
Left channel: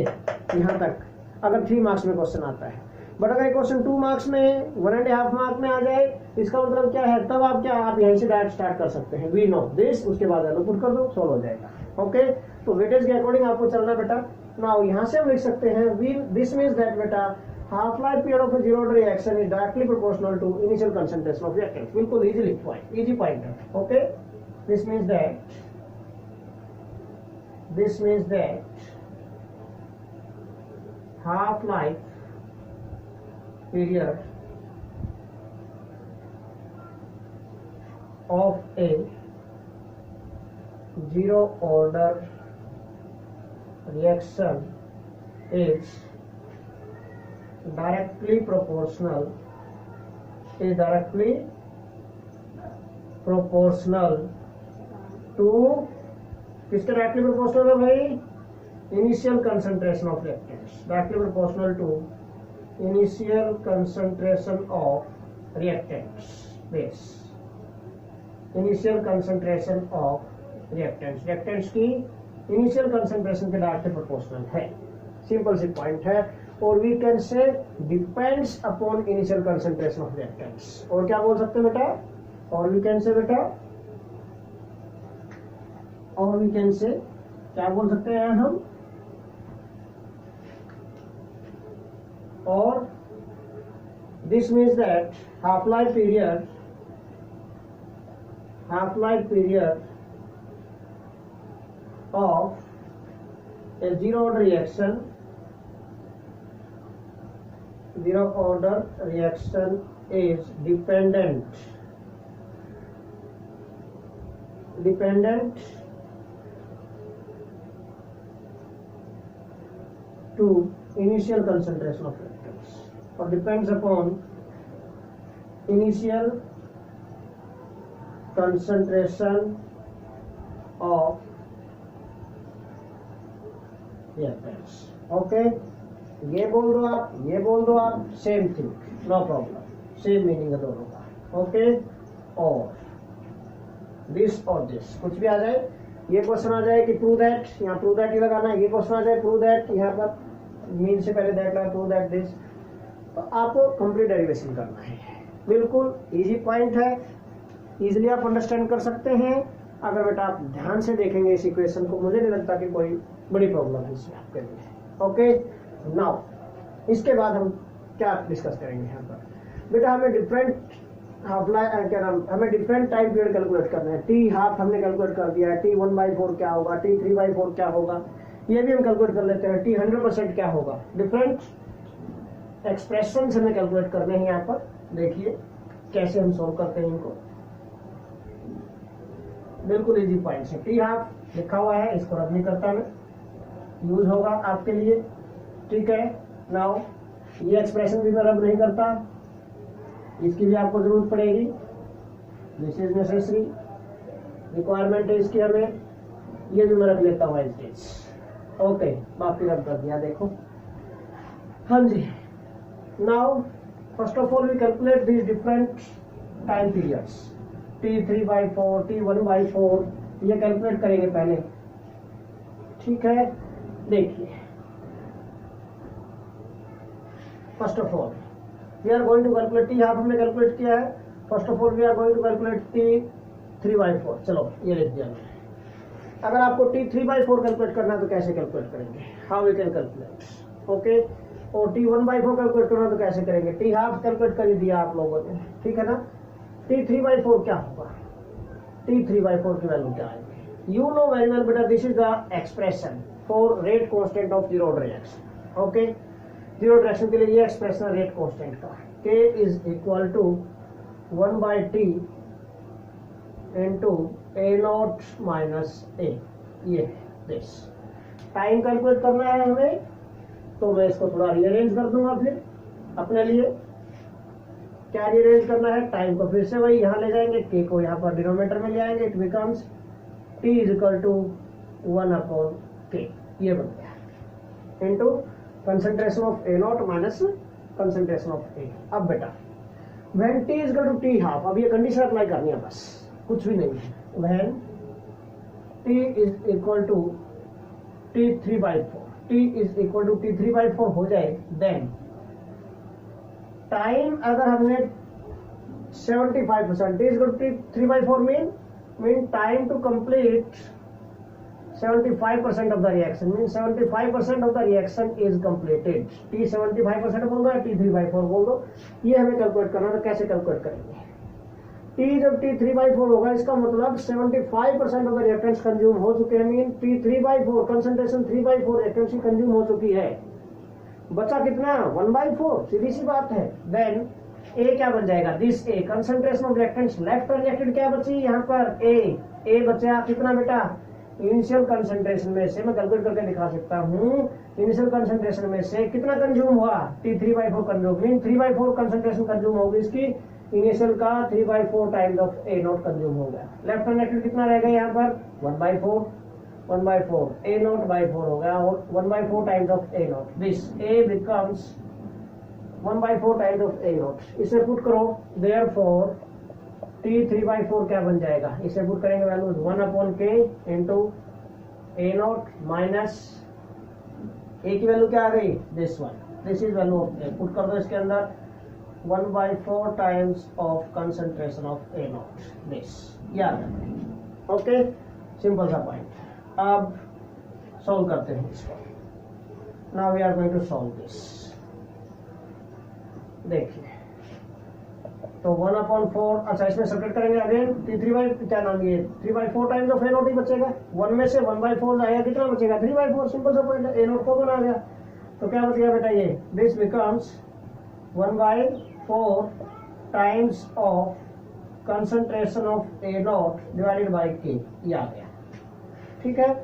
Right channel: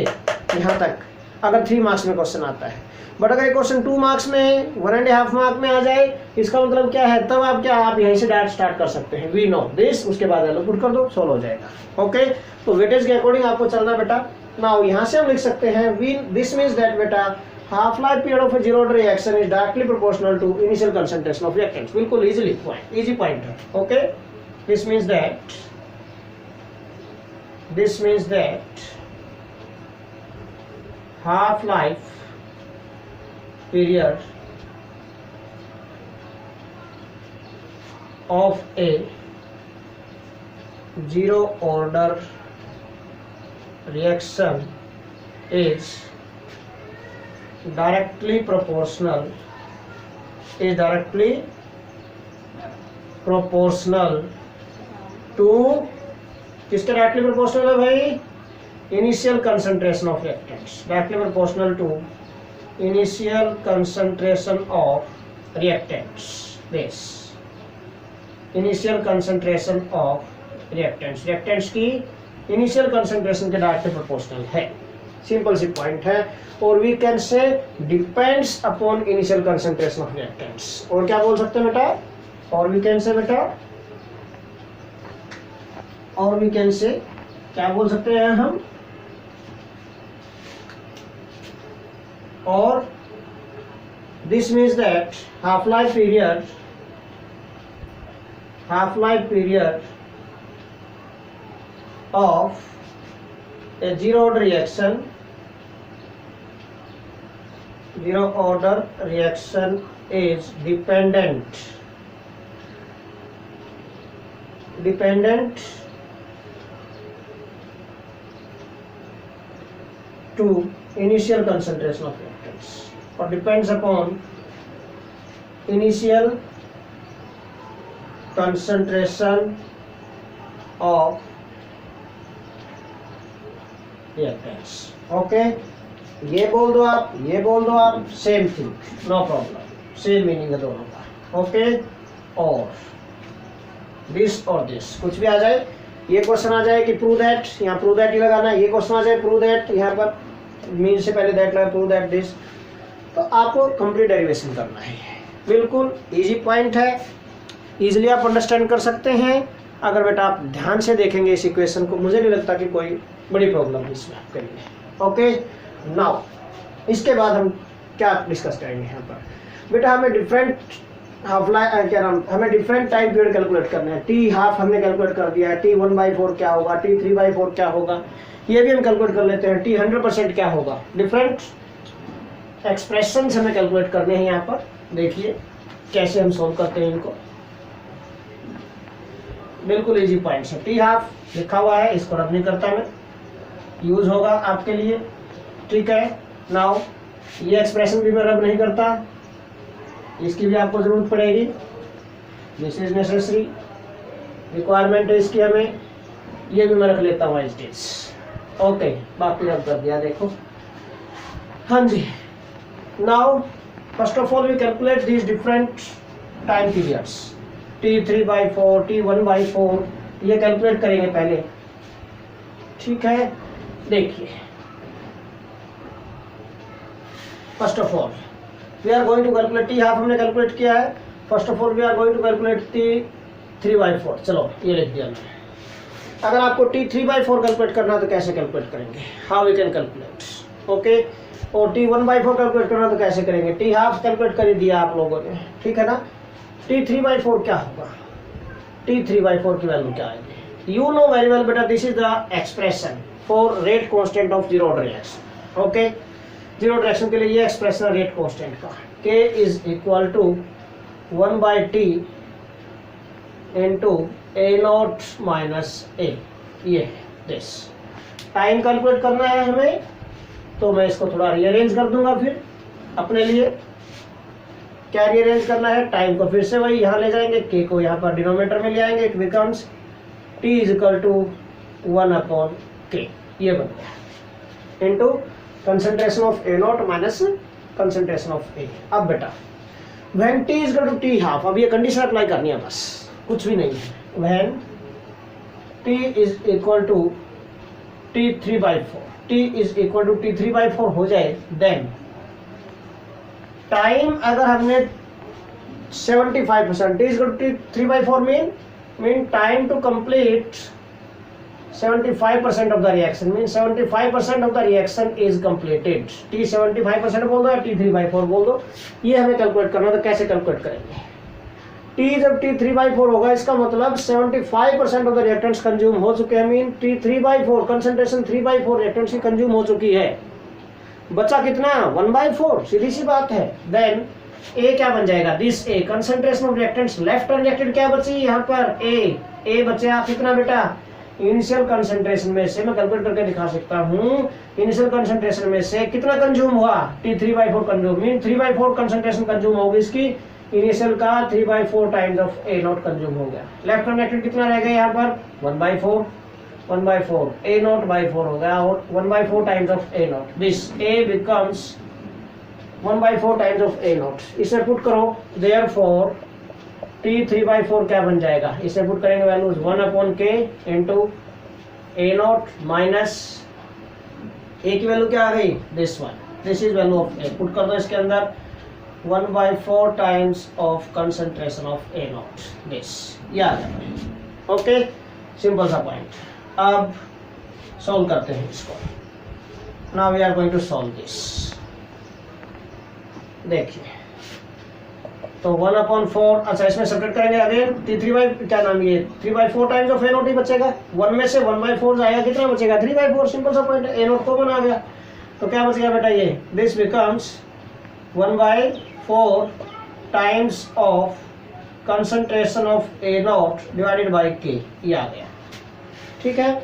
यहाँ तक, अगर 3 मार्क्स में क्वेश्चन आता है. बट अगर एक क्वेश्चन 2 मार्क्स में, 1.5 मार्क में आ जाए, इसका मतलब क्या है, तब आप क्या, आप यहीं से डायरेक्ट स्टार्ट कर सकते हैं. वी नो दिस, उसके बाद वैल्यू पुट कर दो, सोल्व हो जाएगा. ओके, तो वेटेज के अकॉर्डिंग आपको चलना बेटा. नाउ यहाँ से हम लिख सकते हैं, वी दिस मीन्स दैट बेटा half life period of a zero order reaction is directly proportional to initial concentration of reactants. बिल्कुल easy point है. Okay, this means that half life period of a zero order reaction is directly proportional to, किसके डायरेक्टली प्रोपोर्शनल है भाई, initial concentration of reactants. Directly proportional to initial concentration of reactants. This initial concentration of reactants की इनिशियल कंसंट्रेशन के डायरेक्टली प्रोपोर्शनल है. सिंपल सी पॉइंट है. और we can say depends upon initial concentration of reactants. और क्या बोल सकते हैं बेटा, और वी कैन से बेटा, और वी कैन से क्या बोल सकते हैं हम, और this means that half life period of a zero order reaction is dependent to initial concentration of reactants or depends upon initial concentration of reactants. Okay, ये बोल दो आप, ये बोल दो आप, same thing, no problem, same meaning है दोनों का. ओके, और दिस और दिस कुछ भी आ जाए, ये क्वेश्चन आ जाए कि प्रूव दैट, यहाँ प्रूव दैट ही लगाना है. ये क्वेश्चन आ जाए प्रूव दैट, यहाँ पर मीन से पहले दैट लगा, प्रूव दैट दिस, तो आपको कंप्लीट डेरिवेशन करना है. बिल्कुल इजी पॉइंट है, इजीली आप अंडरस्टैंड कर सकते हैं. अगर बेटा आप ध्यान से देखेंगे इस इक्वेशन को, मुझे नहीं लगता कि कोई बड़ी प्रॉब्लम है इसमें आपके लिए. ओके, नाउ इसके बाद हम क्या डिस्कस करेंगे यहाँ पर. बेटा हमें डिफरेंट हाफ लाइफ, क्या नाम, हमें डिफरेंट टाइम पीरियड कैलकुलेट करना है. टी हाफ हमने कैलकुलेट कर दिया है, टी 1/4 क्या होगा, टी 3/4 क्या होगा, ये भी हम कैलकुलेट कर लेते हैं. टी 100% क्या होगा. डिफरेंट एक्सप्रेशन हमें कैलकुलेट करने हैं यहाँ पर. देखिए कैसे हम सोल्व करते हैं इनको. बिल्कुल इजी पॉइंट्स है. टी हाफ लिखा हुआ है, इसको रब नहीं करता मैं, यूज होगा आपके लिए. ठीक है, नाउ ये एक्सप्रेशन भी मैं रब नहीं करता, इसकी भी आपको जरूरत पड़ेगी. दिस इज नेसेसरी, रिक्वायरमेंट है इसकी हमें. ये भी मैं रख लेता हूँ एज इट इज. ओके, बाकी रब कर दिया. देखो, हाँ जी. Now first of all we calculate these different time periods. T 3/4, t 1/4, ये कैलकुलेट करेंगे पहले. ठीक है, देखिए first of all we are going to calculate. T half हमने कैलकुलेट किया है. First of all we are going to calculate t 3/4. चलो ये लिख दिया मैंने. अगर आपको टी 3/4 कैलकुलेट करना है तो कैसे कैलकुलेट करेंगे, how we can calculate. Okay, और टी 1/4 कैलकुलेट करना तो कैसे करेंगे. टी हाफ कैलकुलेट कर दिया आप लोगों ने, ठीक है ना. टी 3/4 क्या होगा, टी 3/4 की वैल्यू क्या आएगी. यू नो वेरी वेल बेटा, this is the expression for rate constant of zero order reaction. Okay, zero reaction के लिए ये एक्सप्रेशन रेट कांस्टेंट का, k is equal to 1/t into a0 minus a. ये दिस टाइम कैलकुलेट करना है हमें, तो मैं इसको थोड़ा रीअरेंज कर दूंगा फिर अपने लिए. क्या रीअरेंज करना है, टाइम को फिर से वही यहाँ ले जाएंगे, k को यहाँ पर डिनोमिनेटर में ले आएंगे. It becomes t is equal to 1/k. ये बन गया into concentration of A0 minus concentration of A. अब बेटा when t is equal to t half, अब ये कंडीशन अप्लाई करनी है बस, कुछ भी नहीं है. When t is equal to t 3/4, t is equal to t 3/4 हो जाए, देन टाइम अगर हमने 75%, t is equal to t 3/4 mean time to complete 75% of the reaction, means 75% of the reaction is completed. T 75% बोल दो या T 3/4 बोल दो, ये हमें कैलकुलेट करना है. तो कैसे कैलकुलेट करेंगे. T जब T 3/4 होगा, इसका मतलब 75% ऑफ द रिएक्टेंट्स कंज्यूम हो चुके हैं. मीन T 3/4 कंसंट्रेशन 3/4 रिएक्टेंट्स की कंज्यूम हो चुकी है. बचा कितना, 1/4, सीधी सी बात है. देन A क्या बन जाएगा, this A concentration of reactants left reactant क्या बची यहाँ पर, A बचा कितना बेटा. इनिशियल कंसंट्रेशन में से मैं कैलकुलेट करके दिखा सकता हूँ. इनिशियल कंसंट्रेशन में से कितना कंज्यूम हुआ, T 3/4 consume, mean 3/4 concentration consume होगी इसकी. इनिशियल का 3/4 टाइम्स ऑफ A0 कंज्यूम हो गया. लेफ्ट रिएक्टेंट कितना रह गया यहाँ पर, 1/4 A0/4 हो गया, और 1/4 times of A0. This A becomes 1/4 times of A0. इसे पुट करो, देयरफॉर T 3/4 क्या बन जाएगा, इसे पुट करेंगे values 1/k into A0 minus A की वैल्यू क्या आ गई, this one. This is value of A. Put कर दो इसके अंदर 1/4 times of concentration of A0. This ये आ जाएगा. ओके, सिंपल सा पॉइंट. अब सॉल्व करते हैं इसको. Now we are going to solve this. देखिए तो 1/4, अच्छा इसमें सब्ट्रैक्ट करेंगे अगेन. T क्या नाम, ये 3/4 टाइम्स ऑफ A0 ही बचेगा. 1 में से 1/4 जाएगा, कितना बचेगा, 3/4. सिंपल सा पॉइंट है. A0 कॉमन आ गया, तो क्या बचेगा बेटा, ये this becomes 1/4 times of concentration of A0 divided by K. ये आ गया. ठीक है,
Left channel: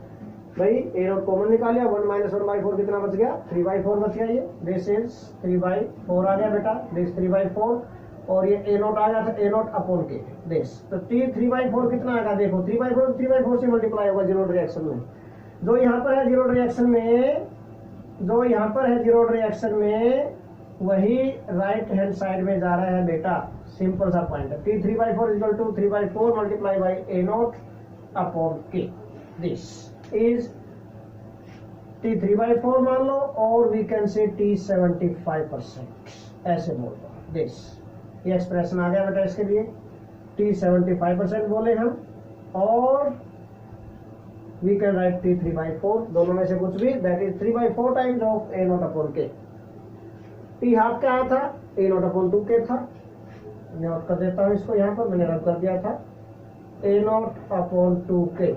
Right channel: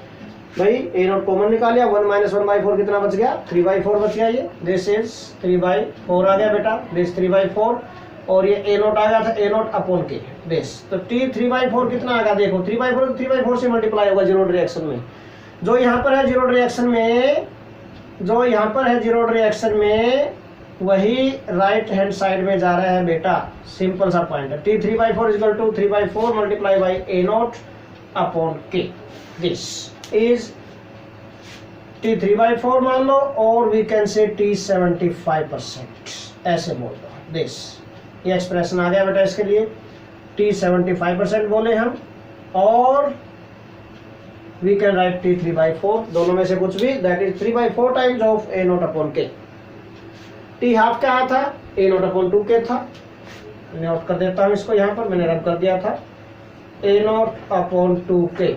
भाई ए नॉट कॉमन निकालिया, 1 माइनस 1/4 कितना बच गया, 3/4 बच गया। ये दिस इज 3/4 आ गया बेटा, दिस 3/4 और ये ए नॉट आ गया था ए नॉट अपॉन के दिस। तो टी 3/4 कितना आ गया देखो, 3/4 तो 3/4 से मल्टीप्लाई होगा जीरो रिएक्शन में। जो यहाँ पर है जीरो रिएक्शन में, जो यहाँ पर है जीरो रिएक्शन में, वही राइट हैंड साइड में जा रहा है बेटा। सिंपल सा पॉइंट है। T 3/4 equal to 3/4 multiply by A naught upon K. This is T 3/4 मान लो, और वी कैन से टी 75%, ऐसे बोल दो दिस। ये एक्सप्रेशन आ गया बेटा इसके लिए, टी 75% बोले हम, और वी कैन राइट टी 3/4, दोनों में से कुछ भी, that is 3/4 times of A naught upon के। टी हाफ क्या था, ए नॉट अपॉन 2 के था। नोट कर देता हूं इसको, यहाँ पर मैंने रब कर दिया था, ए नॉट अपॉन 2k।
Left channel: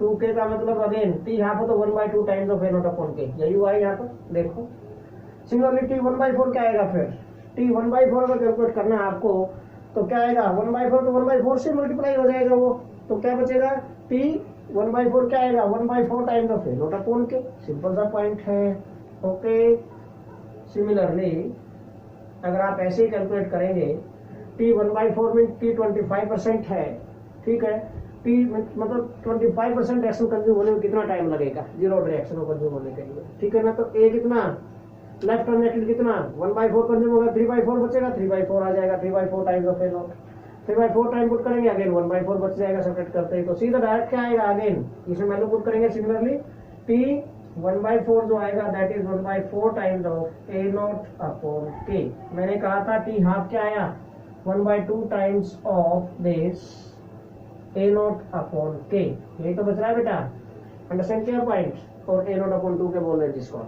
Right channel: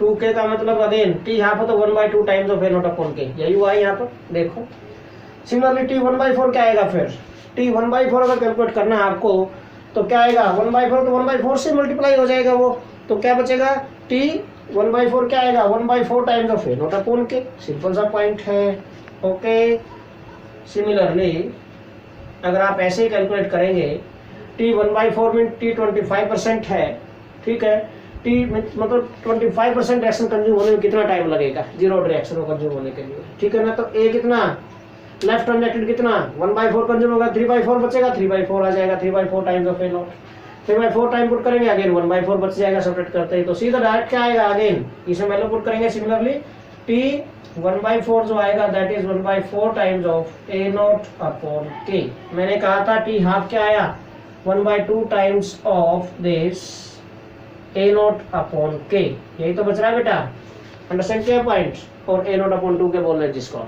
2k का मतलब अगेन टी हाफ है तो 1/2 times of A naught upon के, यही हुआ है यहाँ पर देखो। सिमिलरली टी 1/4 क्या आएगा, फिर टी 1/4 अगर कैलकुलेट करना है आपको तो क्या आएगा, 1/4 तो 1/4 से मल्टीप्लाई हो जाएगा वो, तो क्या बचेगा, टी 1/4 क्या आएगा, 1/4 times of A naught upon के। सिंपल सा पॉइंट है। ओके, सिमिलरली अगर आप ऐसे ही कैलकुलेट करेंगे, टी 1/4 में टी 25% है, ठीक है, टी मतलब 25% रिएक्शन कंज्यूम होने में कितना टाइम लगेगा जीरो रिएक्शन को कंज्यूम होने के लिए, ठीक है ना। तो ए कितना, लेफ्ट ट्रांजेक्टेड कितना 1/4 कंज्यूम होगा, 3/4 बचेगा, 3/4 आ जाएगा, 3/4 times of A not, 3/4 time put करेंगे, अगेन 1/4 बच जाएगा सेपरेट करते ही, तो सीधा डायरेक्ट क्या आएगा, अगेन इसमें वैल्यू पुट करेंगे। सिमिलरली टी 1/4 जो आएगा that is 1/4 times of A naught upon के। मैंने कहा था टी हाफ क्या आया, 1/2 times of this A naught upon के, यही तो बच रहा है बेटा। अंडरस्टैंड किया पॉइंट, और ए नॉट अपॉन 2 के बोल रहे हैं जिसको।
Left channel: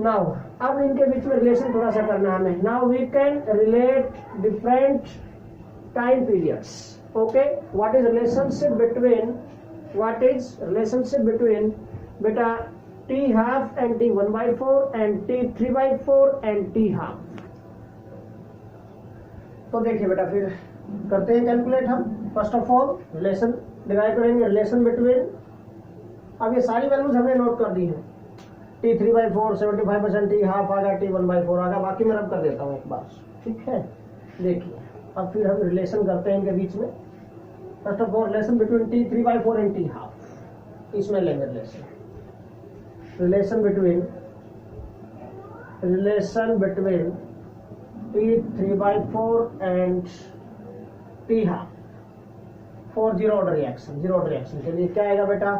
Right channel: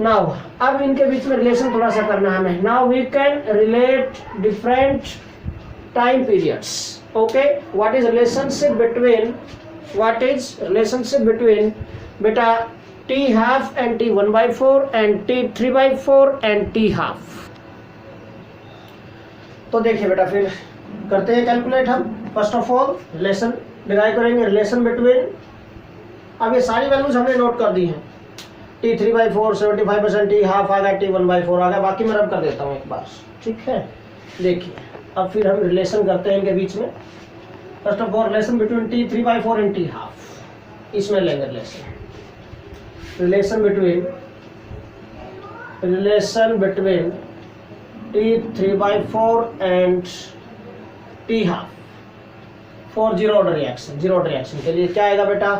नाउ अब इनके बीच में रिलेशन थोड़ा सा करना है हमें। Now we can relate different time periods. Okay, what is relationship between बेटा t half and t 1/4 and t 3/4 and t half. तो देखिए बेटा, फिर करते हैं कैलकुलेट हम। First of all relation derive करेंगे, रिलेशन बिटवीन, अब ये सारी वैल्यूज हमने नोट कर दी हैं। टी 3/4 75%, टी हाफ आ गया, टी 1/4 आ गया, बाकी मैं रब कर देता हूँ एक बार, ठीक है। देखिए अब फिर हम रिलेशन करते हैं इनके बीच में। First of all relation between T 3/4 and t half, इसमें लेंगे relation between T 3/4 and t half for zero order reaction. Zero order reaction के लिए क्या आएगा बेटा,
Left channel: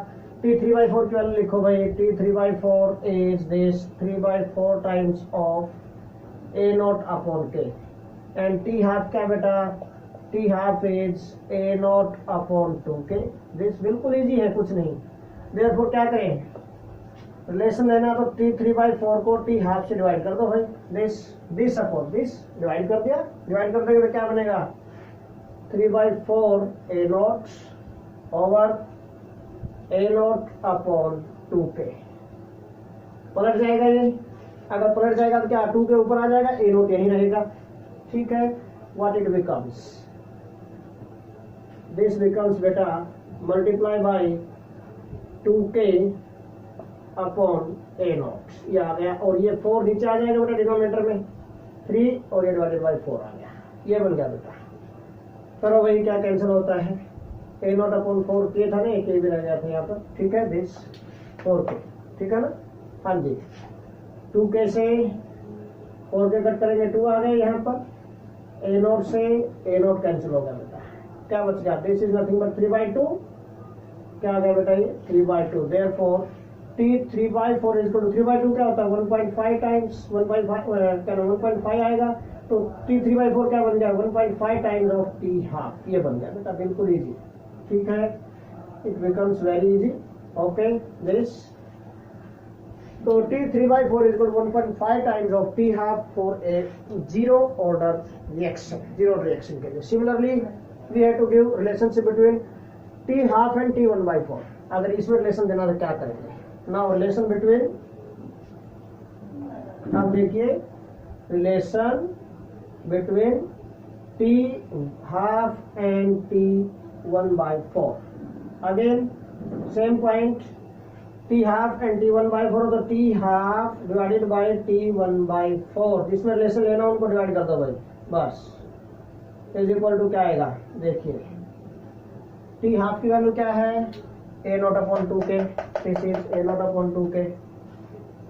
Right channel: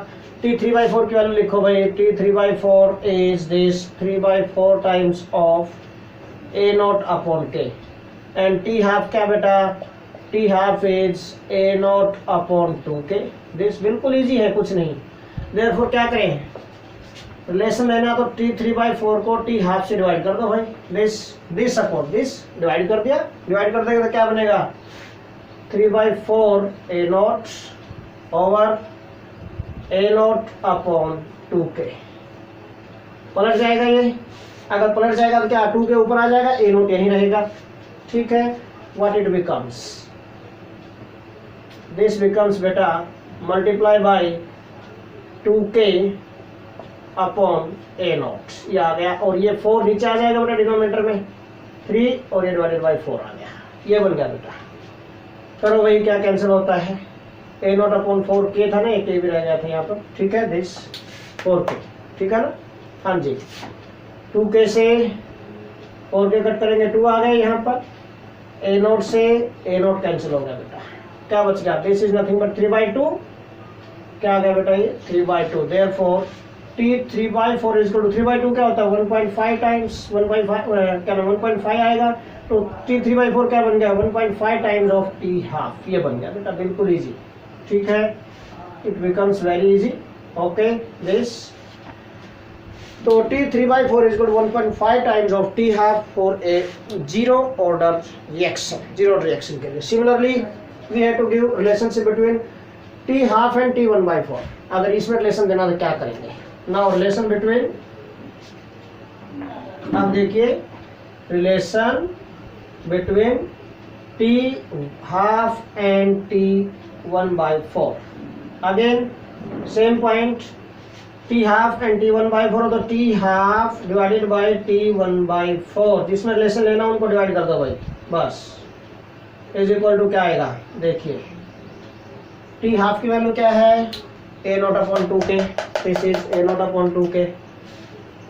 टी 3/4 की वैल्यू लिखो भाई, T 3/4 is this 3/4 times of A naught upon के, एंड टी हाफ क्या बेटा, t half is A naught upon 2k। This बिल्कुल इजी है, कुछ नहीं। देयरफॉर क्या करें, रिलेशन लेना तो टी 3/4 को टी हाफ से डिवाइड कर दो भाई, दिस अपॉन दिस, डिवाइड कर दिया, डिवाइड कर देंगे तो क्या बनेगा, 3/4 A naught over A naught upon 2k। पलट जाएगा ये, अगर पलट जाएगा तो क्या 2 के ऊपर आ जाएगा, ए नॉट यहीं रहेगा, ठीक है। What it becomes, this becomes बेटा multiply by 2k upon A naught, ये आ गया, और ये 4 नीचे आ जाएगा बेटा डिनोमिनेटर में 3, और ये डिवाइडेड बाई 4 आ गया, ये बन गया बेटा। करो भाई क्या कैंसिल होता है, ए नॉट अपॉन 4k था ना, एक भी रह गया था यहाँ पर, ठीक है, दिस 4k, ठीक है ना। हाँ जी, 2k से 4k कट करेंगे, 2 आ गए यहाँ पर, ए नॉट से ए नॉट कैंसिल हो गया बेटा, क्या बच गया, दिस इज नथिंग बट 3/2, क्या आ गया बेटा ये 3/2। Therefore T 3/4 is equal to 3/2 क्या होता है 1.5 टाइम्स 1.5 क्या 1.5 आएगा, तो टी 3/4 क्या बन गया 1.5 टाइम्स ऑफ टी हाफ, ये बन गया बेटा, बिल्कुल इजी, ठीक है। It becomes very easy. Okay this, तो t 3/4 is equal to 1.5 times of t half for A zero order reaction, zero reaction के लिए। Similarly we have to give relationship between t half and t 1/4। अगर इसमें रिलेशन देना तो क्या करेंगे, नाउ रिलेशन बिटवीन, अब देखिए relation between t half and t 1/4। Again same point T half and t 1/4, तो T half divided by T 1/4, जिसमें रिलेशन लेना उनको डिवाइड कर दो भाई बस, इज इक्वल टू क्या आएगा देखिए, टी हाफ की वैल्यू क्या है A naught upon 2k, this is A naught upon 2k,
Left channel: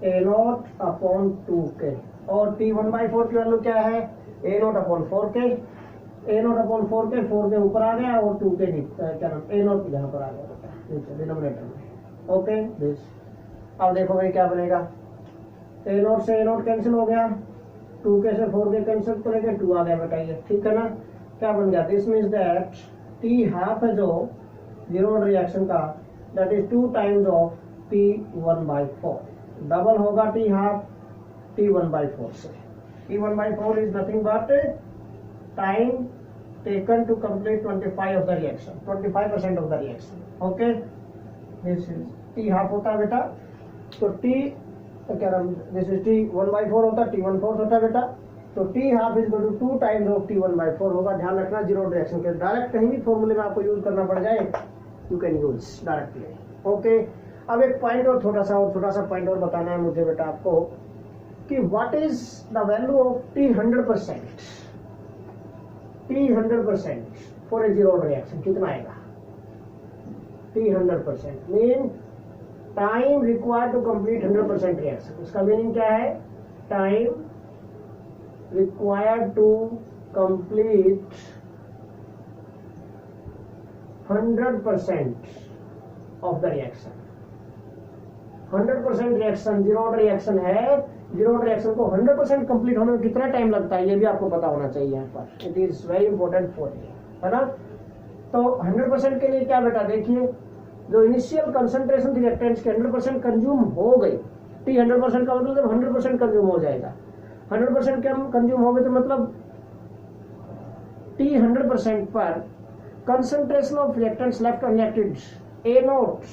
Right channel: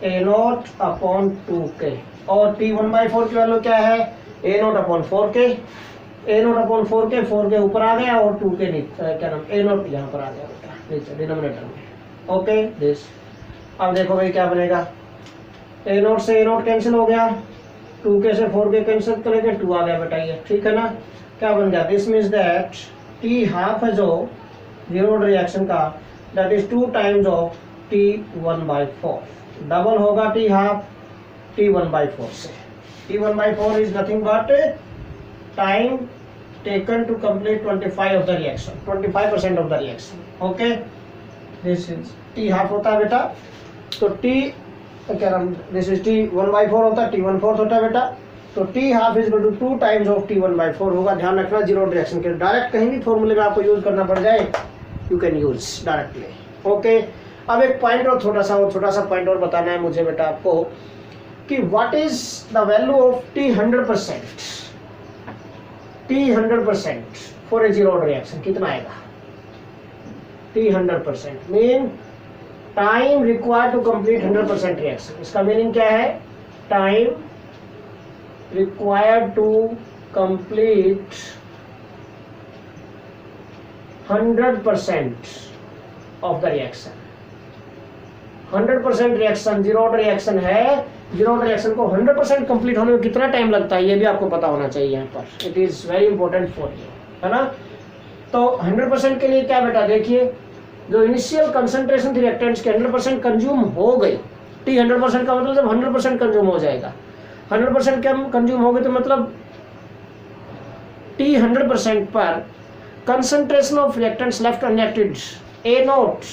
A naught upon 2k, और टी 1/4 की वैल्यू क्या है A naught upon 4k, A naught upon 4k, 4k ऊपर आ गया और 2k क्या नाम ए नॉट यहाँ पर आ गया बेटा नीचे डिनोमिनेटर में। ओके दिस, अब देखो भाई क्या बनेगा, ए नॉट से ए नॉट कैंसिल हो गया, 2k से 4k कैंसिल करेंगे 2 आ गया बेटा ये, ठीक है ना। क्या बन गया, this means that T half है जो जीरो ऑर्डर रिएक्शन का, that is 2 times of T 1/4, double होगा टी हाफ टी 1/4 से, T 1/4 is nothing but time taken to complete 25 of the reaction, 25% of the reaction. Okay this is T half होता है बेटा, तो टी क्या नाम, दिस इज टी 1/4 होता है, टी 1/4 होता है बेटा, तो T half is equal to 2 times of T 1/4 होगा। ध्यान रखना जीरो रिएक्शन के डायरेक्ट कहीं भी फॉर्मूले में आपको यूज करना पड़ जाए you can use directly. Okay अब एक पॉइंट और छोटा सा पॉइंट और बताना है मुझे बेटा आपको कि what is the value of T 100%, T 100% for A zero order reaction कितना आएगा, T 100% mean time required to complete 100% reaction, इसका मीनिंग क्या है, time required to complete 100% of the reaction, 100% reaction zero order reaction है, जीरो ऑर्डर रिएक्शन को 100% कंप्लीट होने में कितना टाइम लगता है ये भी आपको पता होना चाहिए यहाँ पर, it is very important for you, है ना। तो 100% के लिए क्या बेटा देखिए, जो इनिशियल कंसंट्रेशन थी रिएक्टेंट्स के 100% कंज्यूम हो गई, टी 100% का मतलब जब 100% कंज्यूम हो जाएगा, 100% कंज्यूम हो गई तो मतलब टी 100% पर concentration of reactants left unreacted A not,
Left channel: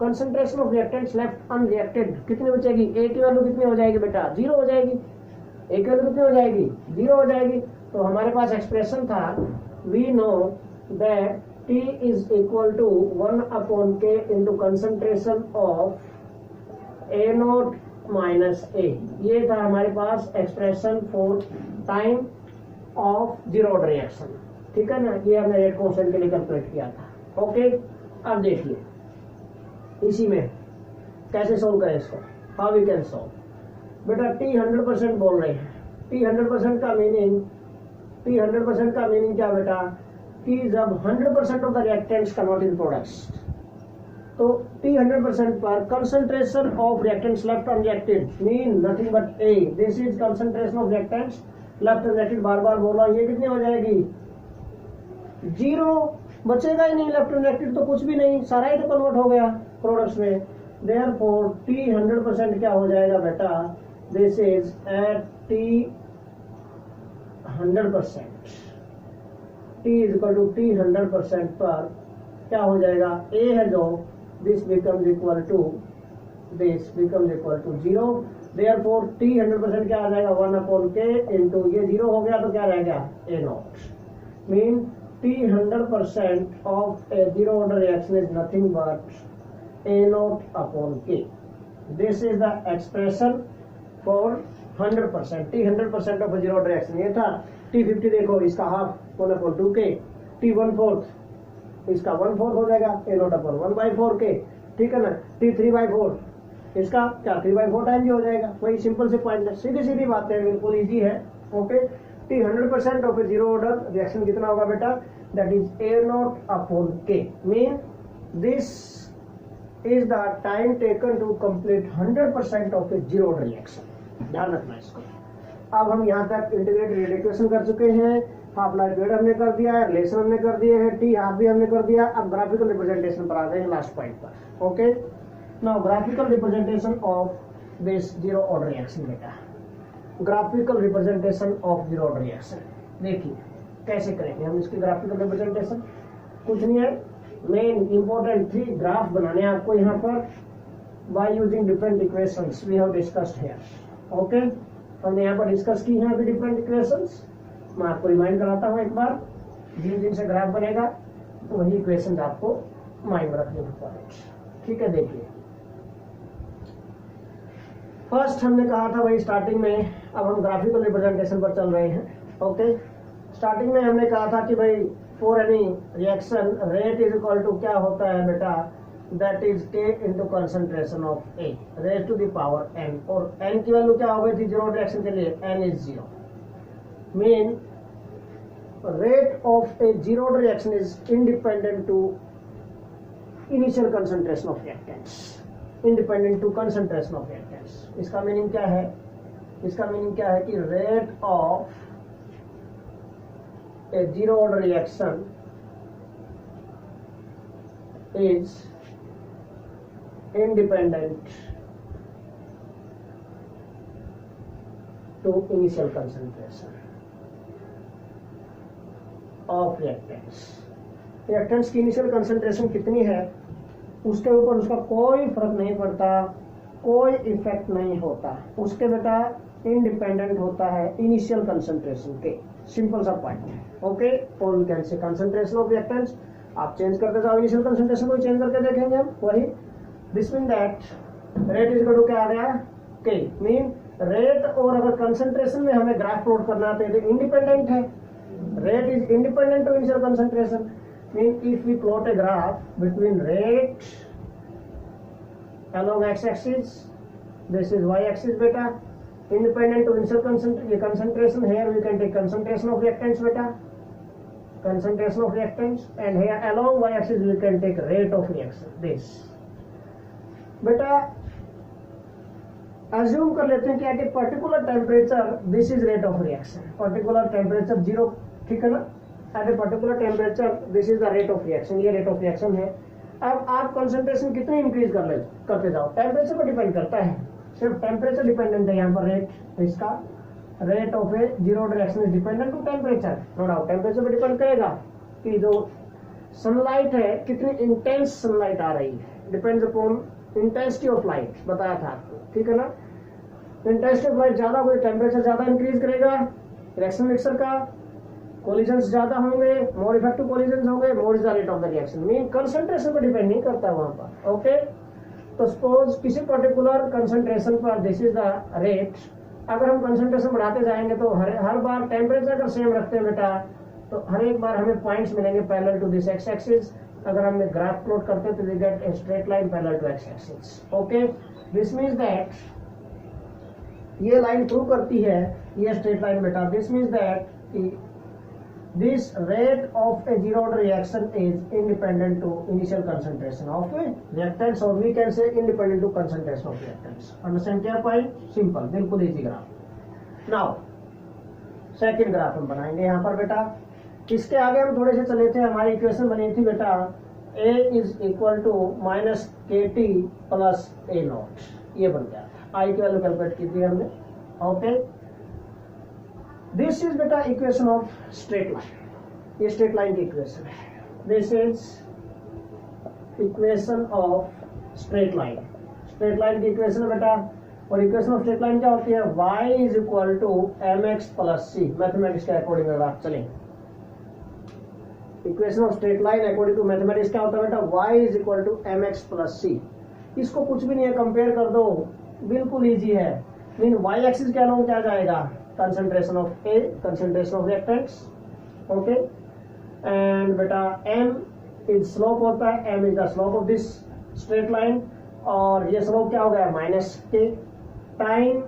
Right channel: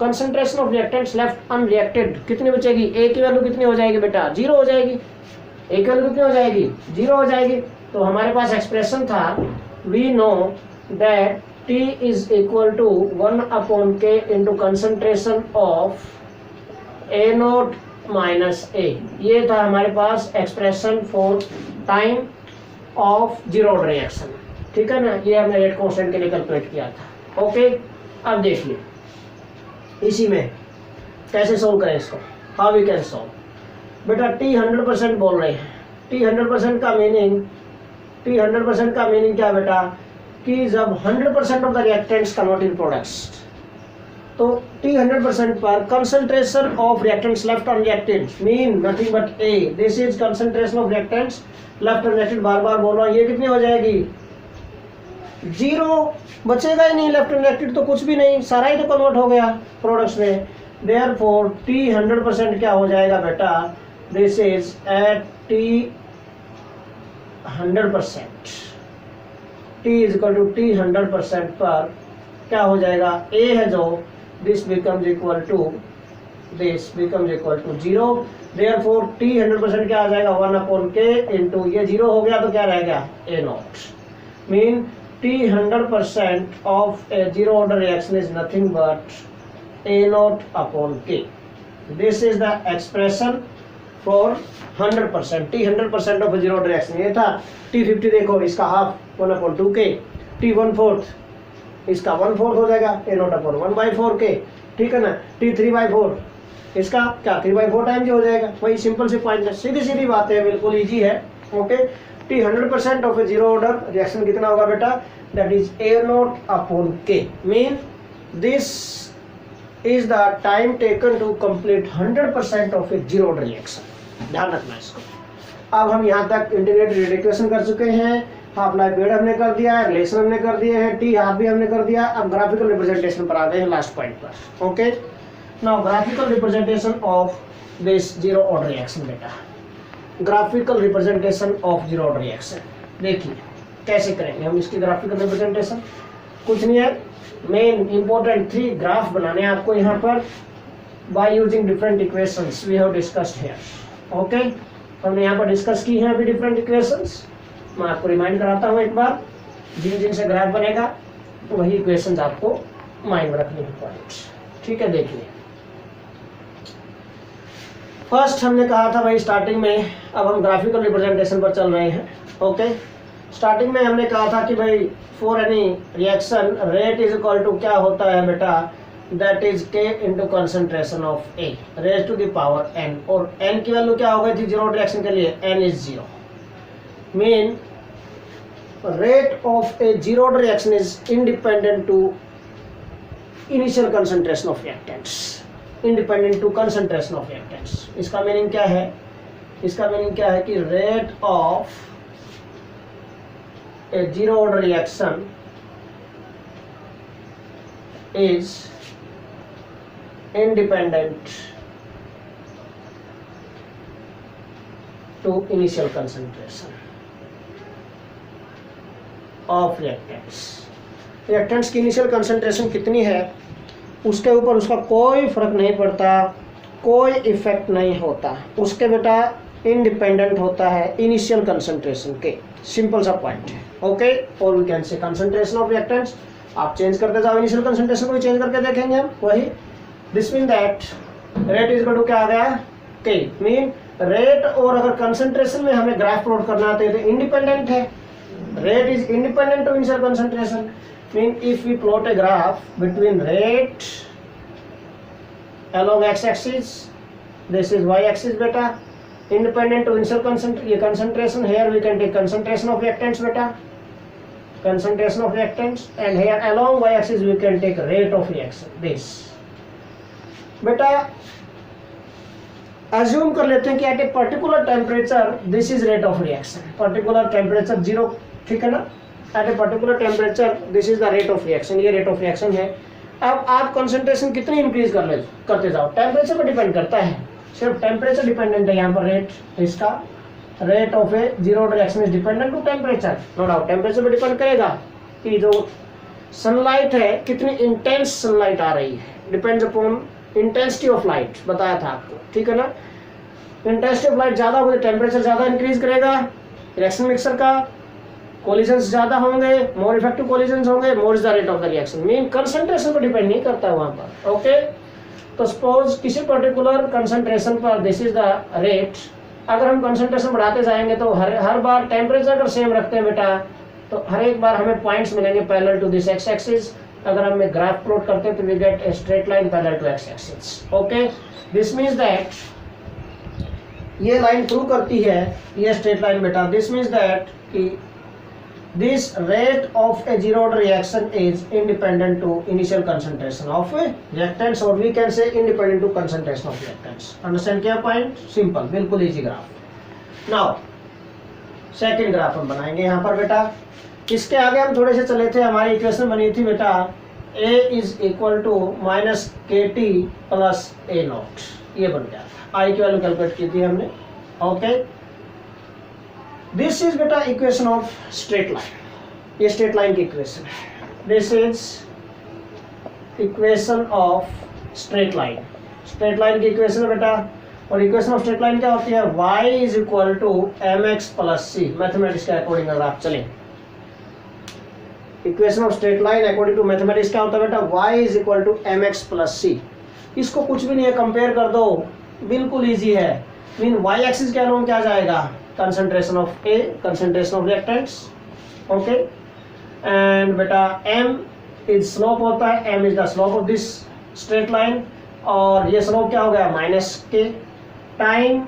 concentration of reactants left unreacted कितनी बचेगी, ए की वैल्यू कितनी हो जाएगी बेटा 0 हो जाएगी, ए की वैल्यू कितनी हो जाएगी 0 हो जाएगी। तो हमारे पास एक्सप्रेशन था we know that t is equal to 1/k into concentration of A naught minus A, ये था हमारे पास expression for time of zero order reaction, ठीक है ना, ये हमने रेट कांस्टेंट के लिए कैलकुलेट किया था। ओके अब देखिए इसी में कैसे सोल्व करें इसको, हाउ वी कैन सोल्व बेटा, टी 100% बोल रहे हैं, टी 100% का मीनिंग, टी 100% का मीनिंग क्या बेटा कि जब 100% of the reactants convert in products, तो टी 100% पर concentration of reactants left unreacted mean nothing but A, this is concentration of reactants left unreacted, बार बार बोल रहा हूँ, ये कितनी हो जाएगी 0, बचेगा ही नहीं लेफ्ट अनरिएक्टेड तो कुछ भी नहीं, सारा ही तो कन्वर्ट हो गया प्रोडक्ट्स में, देयरफॉर टी 100% क्या हो जाएगा बेटा, this is at T 100%, T is equal to T 100% पर क्या हो जाएगा, ए है जो this becomes equal to 0, therefore t 100% क्या आ जाएगा 1/k इंटू ये 0 हो गया तो क्या रह गया a naught, mean t 100% of a zero order reaction is nothing but a naught upon k, this is the expression for 100%, t 100% of a zero order reaction, ये था t 50 देखो इसका हाफ 1/2k, t 1/4 इसका 1/4 हो जाएगा ए नॉट अपॉन 1/4k, ठीक है ना, टी 3/4 इसका क्या 3/4 टाइम जो हो जाएगा, वही सिंपल से पॉइंट है, सीधी सीधी बात है, बिल्कुल इजी है। Okay t 100% of a zero order reaction कितना होगा बेटा, that is A naught upon k, mean this is the time taken to complete 100% of a zero order reaction, ध्यान रखना इसको। अब हम यहाँ तक इंटीग्रेटेड इक्वेशन कर चुके हैं, हाफ लाइफ पीरियड हमने कर दिया है, रिलेशन हमने कर दिए हैं, टी हाफ भी हमने कर दिया, अब ग्राफिकल रिप्रेजेंटेशन पर आ गए हैं लास्ट पॉइंट पर। Okay now graphical representation of this zero order reaction बेटा, graphical representation of zero order reaction देखिए कैसे करेंगे हम इसकी ग्राफिकल रिप्रेजेंटेशन, कुछ नहीं है, मेन इंपॉर्टेंट 3 ग्राफ बनाने हैं आपको यहाँ पर by using different equations we have discussed here. Okay हमने यहाँ पर डिस्कस की हैं अभी डिफरेंट इक्वेशंस, मैं आपको रिमाइंड कराता हूँ एक बार, जिन जिन से ग्राफ बनेगा वही इक्वेशंस आपको माइंड रखने की पॉइंट। ठीक है, देखिए फर्स्ट हमने कहा था भाई स्टार्टिंग में, अब हम ग्राफिकल रिप्रेजेंटेशन पर चल रहे हैं। ओके, स्टार्टिंग में हमने कहा था कि भाई for any reaction rate is equal to क्या होता है बेटा, that is K into concentration of A raise to the power N, और एन की वैल्यू क्या हो गई थी जीरो रिएक्शन के लिए, N is zero, mean rate of a zero reaction is independent to initial concentration of reactants, independent to concentration of reactants। इसका मीनिंग क्या है, इसका मीनिंग क्या है कि rate of a zero order reaction is independent to initial concentration of reactants. Reactants की इनिशियल कंसंट्रेशन कितनी है उसके ऊपर उसका कोई फर्क नहीं पड़ता, कोई इफेक्ट नहीं होता, उसके बेटा इंडिपेंडेंट होता है इनिशियल कंसंट्रेशन के, सिंपल सा पॉइंट है। ओके, और we can say concentration of reactants, आप चेंज करते जाओ इनिशियल कंसंट्रेशन को भी चेंज करके देखेंगे हम वही। This mean that rate is equal to क्या आ गया, के, मीन रेट, और अगर कंसंट्रेशन में हमें ग्राफ प्लॉट करना है तो इंडिपेंडेंट है, rate is independent to initial concentration, mean if we plot a graph between rate along x-axis, this is y-axis beta, independent to initial concentration, here we can take concentration of reactants beta, concentration of reactants, and here along y-axis we can take rate of reaction, this beta। assume कर लेते हैं कि at a particular temperature this is rate of reaction, particular temperature 0, ठीक है ना, at a particular temperature this is the rate of reaction, ये rate of reaction है। अब आप कंसंट्रेशन कितनी इंक्रीज करते जाओ, टेम्परेचर पर डिपेंड करता है, सिर्फ टेम्परेचर डिपेंडेंट है यहाँ पर रेट, इसका rate of a zero reaction is dependent to temperature, no doubt temperature पर डिपेंड करेगा कि जो सनलाइट है कितनी इंटेंस सनलाइट आ रही है, depends upon intensity of light, बताया था आपको, ठीक है ना। इंटेंसिटी ऑफ लाइट ज्यादा होगी, टेम्परेचर ज्यादा इंक्रीज करेगा, रिएक्शन मिक्सर का कोलिजन्स ज्यादा होंगे, मोर इफेक्टिव कोलिजन्स होंगे, more is the rate of the reaction, mean concentration पर डिपेंड नहीं करता है वहां पर। ओके, तो सपोज किसी पर्टिकुलर कंसंट्रेशन पर दिस इज द रेट, अगर हम कंसंट्रेशन बढ़ाते जाएंगे तो हर बार टेम्परेचर अगर सेम रखते हैं बेटा तो हर एक बार हमें पॉइंट्स मिलेंगे parallel to this x axis, अगर हम ग्राफ प्लॉट करते हैं तो we get a straight line parallel to x axis. Okay, this means that ये लाइन प्रूव करती है ये स्ट्रेट लाइन बेटा, दिस मींस दैट कि this rate of a zero order reaction is independent to initial concentration of reactants, or we can say independent to concentration of reactants। understand क्या point? simple, बिल्कुल easy graph। now second graph हम बनाएंगे यहाँ पर बेटा, इसके आगे हम थोड़े से चले थे, हमारी इक्वेशन बनी थी बेटा a is equal to minus kt plus a naught, ये बन गया था, i की वैल्यू कैलकुलेट की थी हमने। ओके, दिस इज बेटा इक्वेशन ऑफ स्ट्रेट लाइन, ये स्ट्रेट लाइन की इक्वेशन है, this is equation of straight line, straight line की इक्वेशन है बेटा, और इक्वेशन ऑफ स्ट्रेट लाइन क्या होती है, y is equal to m x plus c, mathematics के अकॉर्डिंग अगर आप चलें, equation of straight line according to mathematics क्या होता है बेटा, y is equal to m x plus सी, इसको कुछ भी नहीं है, कंपेयर कर दो, बिल्कुल इजी है, मीन y एक्सिस के अलोंग क्या जाएगा, concentration of A, concentration of reactants, okay, and beta m is slope होता है, m is the slope of this straight line, और ये slope क्या हो गया माइनस के, टाइम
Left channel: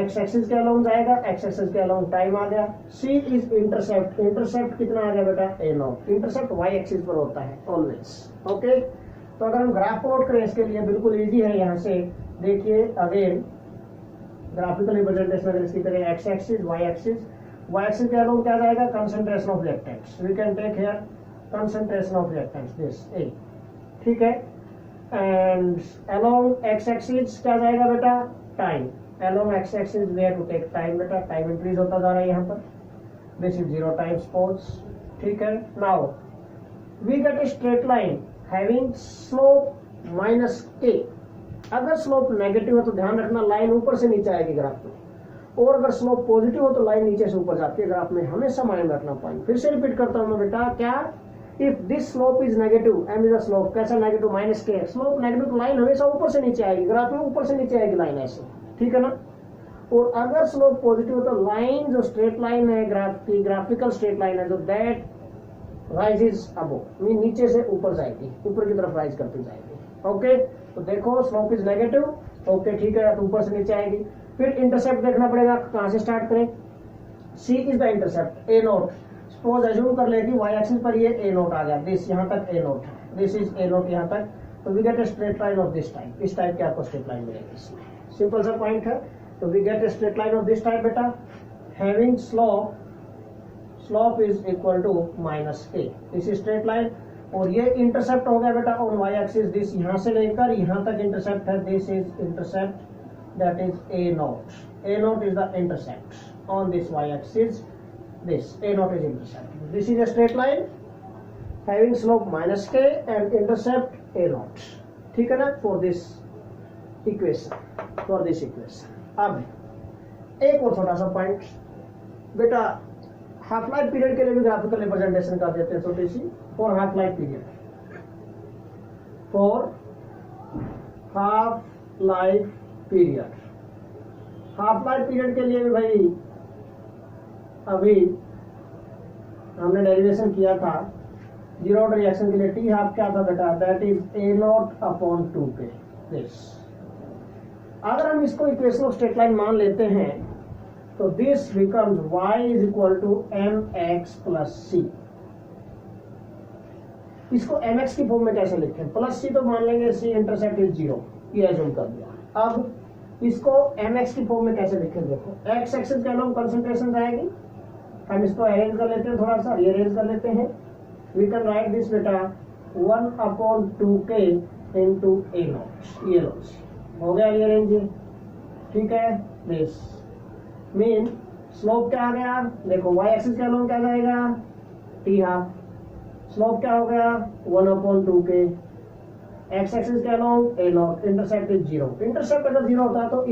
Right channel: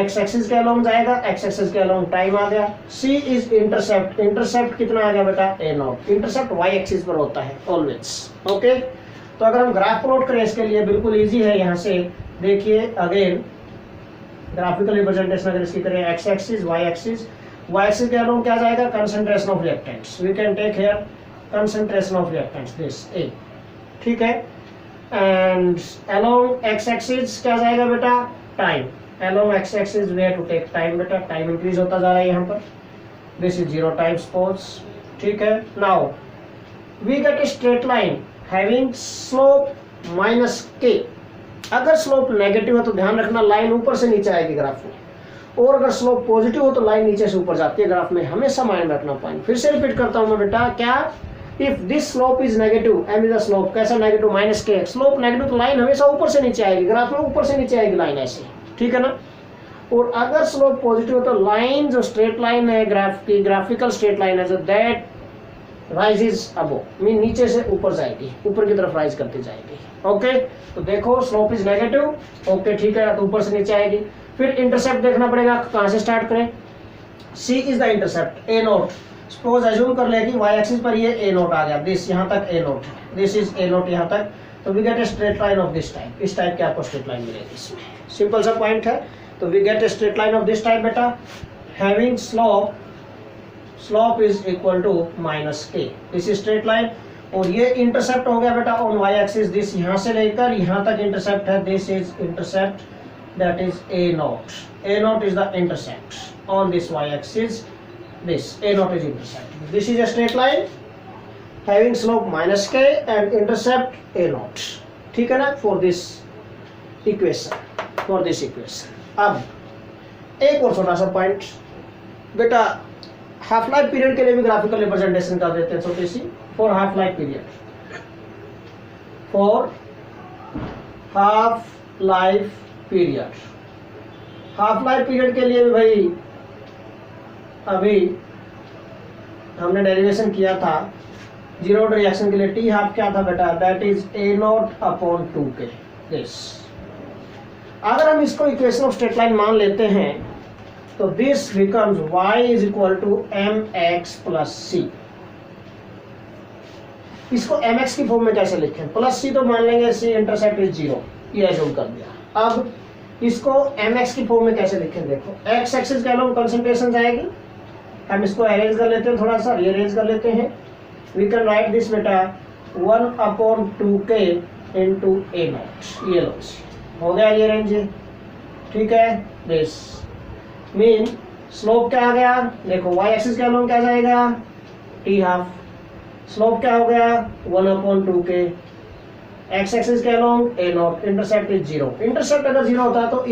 x एक्सिस के अलोंग जाएगा, x एक्सिस के अलोंग टाइम आ गया, c is इंटरसेप्ट, इंटरसेप्ट कितना आ गया बेटा a not, intercept y axis पर होता है ऑलवेज। ओके, तो अगर हम ग्राफ प्लॉट करें इसके लिए बिल्कुल इजी है, यहाँ से देखिए अगेन ग्राफिकल रिप्रेजेंटेशन अगर इसकी करें, x axis y axis, y axis के अलोंग क्या जाएगा, concentration of reactants, we can take here concentration of reactants this A, ठीक है, एंड अलोंग एक्स एक्सिस क्या जाएगा बेटा, time, along x axis we have to take time बेटा, टाइम इंक्रीज होता जा रहा है यहाँ पर, दिस इज 0 टाइम सपोज, ठीक है। Now we get a straight line having slope minus k, अगर स्लोप नेगेटिव है तो ध्यान रखना लाइन ऊपर से नीचे आएगी ग्राफ में, और अगर स्लोप पॉजिटिव हो तो लाइन नीचे से ऊपर जाती है ग्राफ में, हमेशा माइंड रखना पॉइंट। फिर से रिपीट करता हूं मैं बेटा, क्या if this slope is negative, m is the slope, कैसा negative, minus k, slope negative तो लाइन हमेशा ऊपर से नीचे आएगी, ग्राफ में ऊपर से नीचे आएगी लाइन ऐसे, ठीक है ना। और अगर स्लोप पॉजिटिव है तो लाइन जो स्ट्रेट लाइन है ग्राफ की, ग्राफिकल स्ट्रेट लाइन है जो दैट राइजेस अबो, मीन नीचे से ऊपर जाएगी, ऊपर की तरफ राइज करती जाएगी। ओके तो देखो स्लोप इज नेगेटिव, ओके ठीक है, तो ऊपर से नीचे आएगी। फिर इंटरसेप्ट देखना पड़ेगा, कहाँ से स्टार्ट करें, C is the intercept, A naught. Suppose assume कर ले कि वाई एक्सिस पर ये ए नोट आ गया, दिस यहाँ तक A naught, this is A naught यहाँ तक, तो we get a straight line of this type, इस टाइप की आपको स्ट्रेट लाइन मिलेगी इसमें, सिंपल सा पॉइंट है। तो we get a straight line of this type बेटा, having slope is equal to minus k, this is straight line. और ये इंटरसेप्ट हो गया बेटा ऑन वाई एक्सिस, दिस यहाँ से लेकर यहाँ तक इंटरसेप्ट है, this is intercept, that is A naught, a naught is the intercept on this y axis, this a naught is intercept, this is a straight line having slope minus k and intercept a naught, ठीक है ना, for this equation। अब एक और छोटा सा पॉइंट बेटा, हाफ लाइफ पीरियड के लिए भी ग्राफिकल रिप्रेजेंटेशन कर देते हैं छोटी सी, for half life period, for half life period के लिए भी भाई अभी हमने डेरिवेशन किया था जीरो ऑर्डर रिएक्शन के लिए, टी हाफ क्या था बेटा, that is A naught upon 2k this. अगर हम इसको इक्वेशन ऑफ स्ट्रेट लाइन मान लेते हैं तो this becomes y is equal to mx plus सी। इसको mx की फॉर्म में कैसे लिखें, प्लस सी तो मान लेंगे, सी इंटरसेप्ट इज 0, ये एज्यूम कर दिया। अब इसको mx की फॉर्म में कैसे लिखें, देखो x एक्सिस का लोग कंसंट्रेशन जाएगी, हम इसको अरेंज कर लेते हैं, थोड़ा सा रीअरेंज कर लेते हैं। वी कैन राइट दिस बेटा 1/2k इंटू ए नॉट, ये लो हो गया रीअरेंज, ठीक है। दिस मीन स्लोप क्या आ गया, देखो y एक्सिस का लोग क्या जाएगा, टी हाफ, स्लोप क्या हो गया 1/2k, एक्स एक्सिस के along a naught, intercept is 0। Intercept अगर 0 होता है तो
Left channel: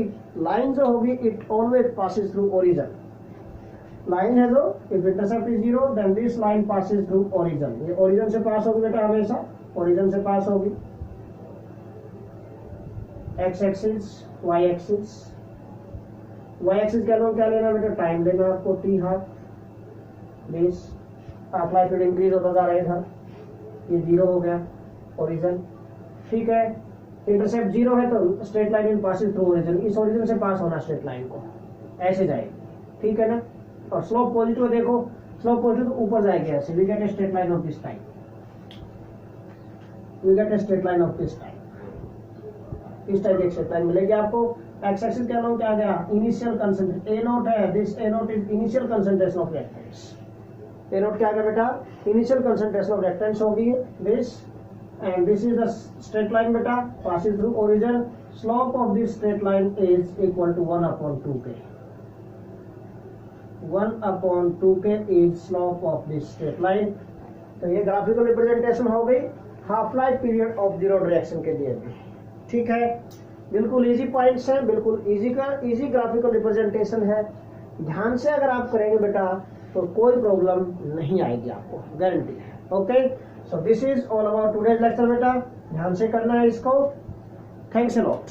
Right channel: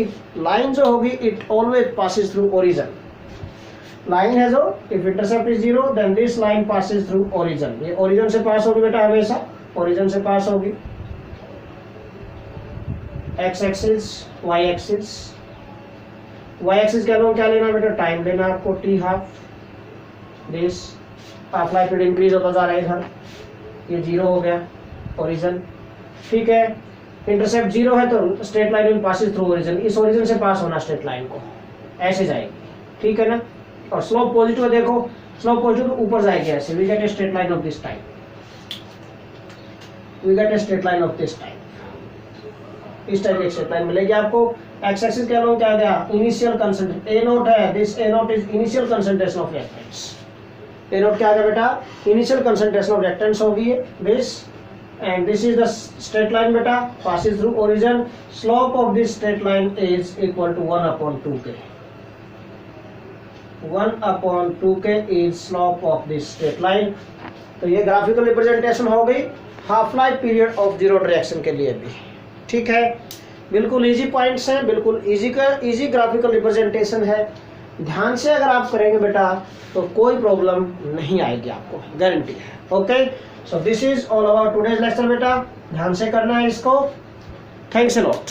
लाइन जो होगी it always passes through origin, line है जो if intercept is 0 then this line passes through origin, ये ओरिजिन से पास होगी बेटा, हमेशा ओरिजिन से पास होगी। X axis y axis, y axis के अलोंग क्या लेना बेटा, टाइम लेना आपको, t half, this half life period increase होता जा रहा है इधर, ये 0 हो गया ओरिजिन, ठीक है। इंटरसेप्ट 0 है तो straight line will passes through origin, इस ओरिजिन से पास होना स्ट्रेट लाइन को, ऐसे जाएगी, ठीक है ना। और स्लोप पॉजिटिव है, देखो स्लोप पॉजिटिव तो ऊपर जाएगी ऐसे, we get a straight line of this type, we get a straight line of this type, इस टाइप की स्ट्रेट लाइन मिलेगी आपको। एक्स एक्सिस के अलोंग क्या आ गया, इनिशियल कंसंट्रेशन ए नोट है, this a naught is initial concentration of reactants, a naught क्या आ गया बेटा, इनिशियल कंसंट्रेशन ऑफ रिएक्टेंट्स होगी this, and this is the straight line beta passes through origin, slope of this straight line is equal to 1/2k, 1/2k is slope of this straight line। तो ये ग्राफिकल रिप्रेजेंटेशन हो गई half life period of zero reaction के लिए भी, ठीक है। बिल्कुल इजी पॉइंट्स हैं, बिल्कुल इजी ग्राफिकल रिप्रेजेंटेशन है, ध्यान से अगर आप करेंगे बेटा तो कोई प्रॉब्लम नहीं आएगी आपको, गारंटी है। Okay, so this is all about today's lecture बेटा, ध्यान से करना है इसको। Thanks a lot.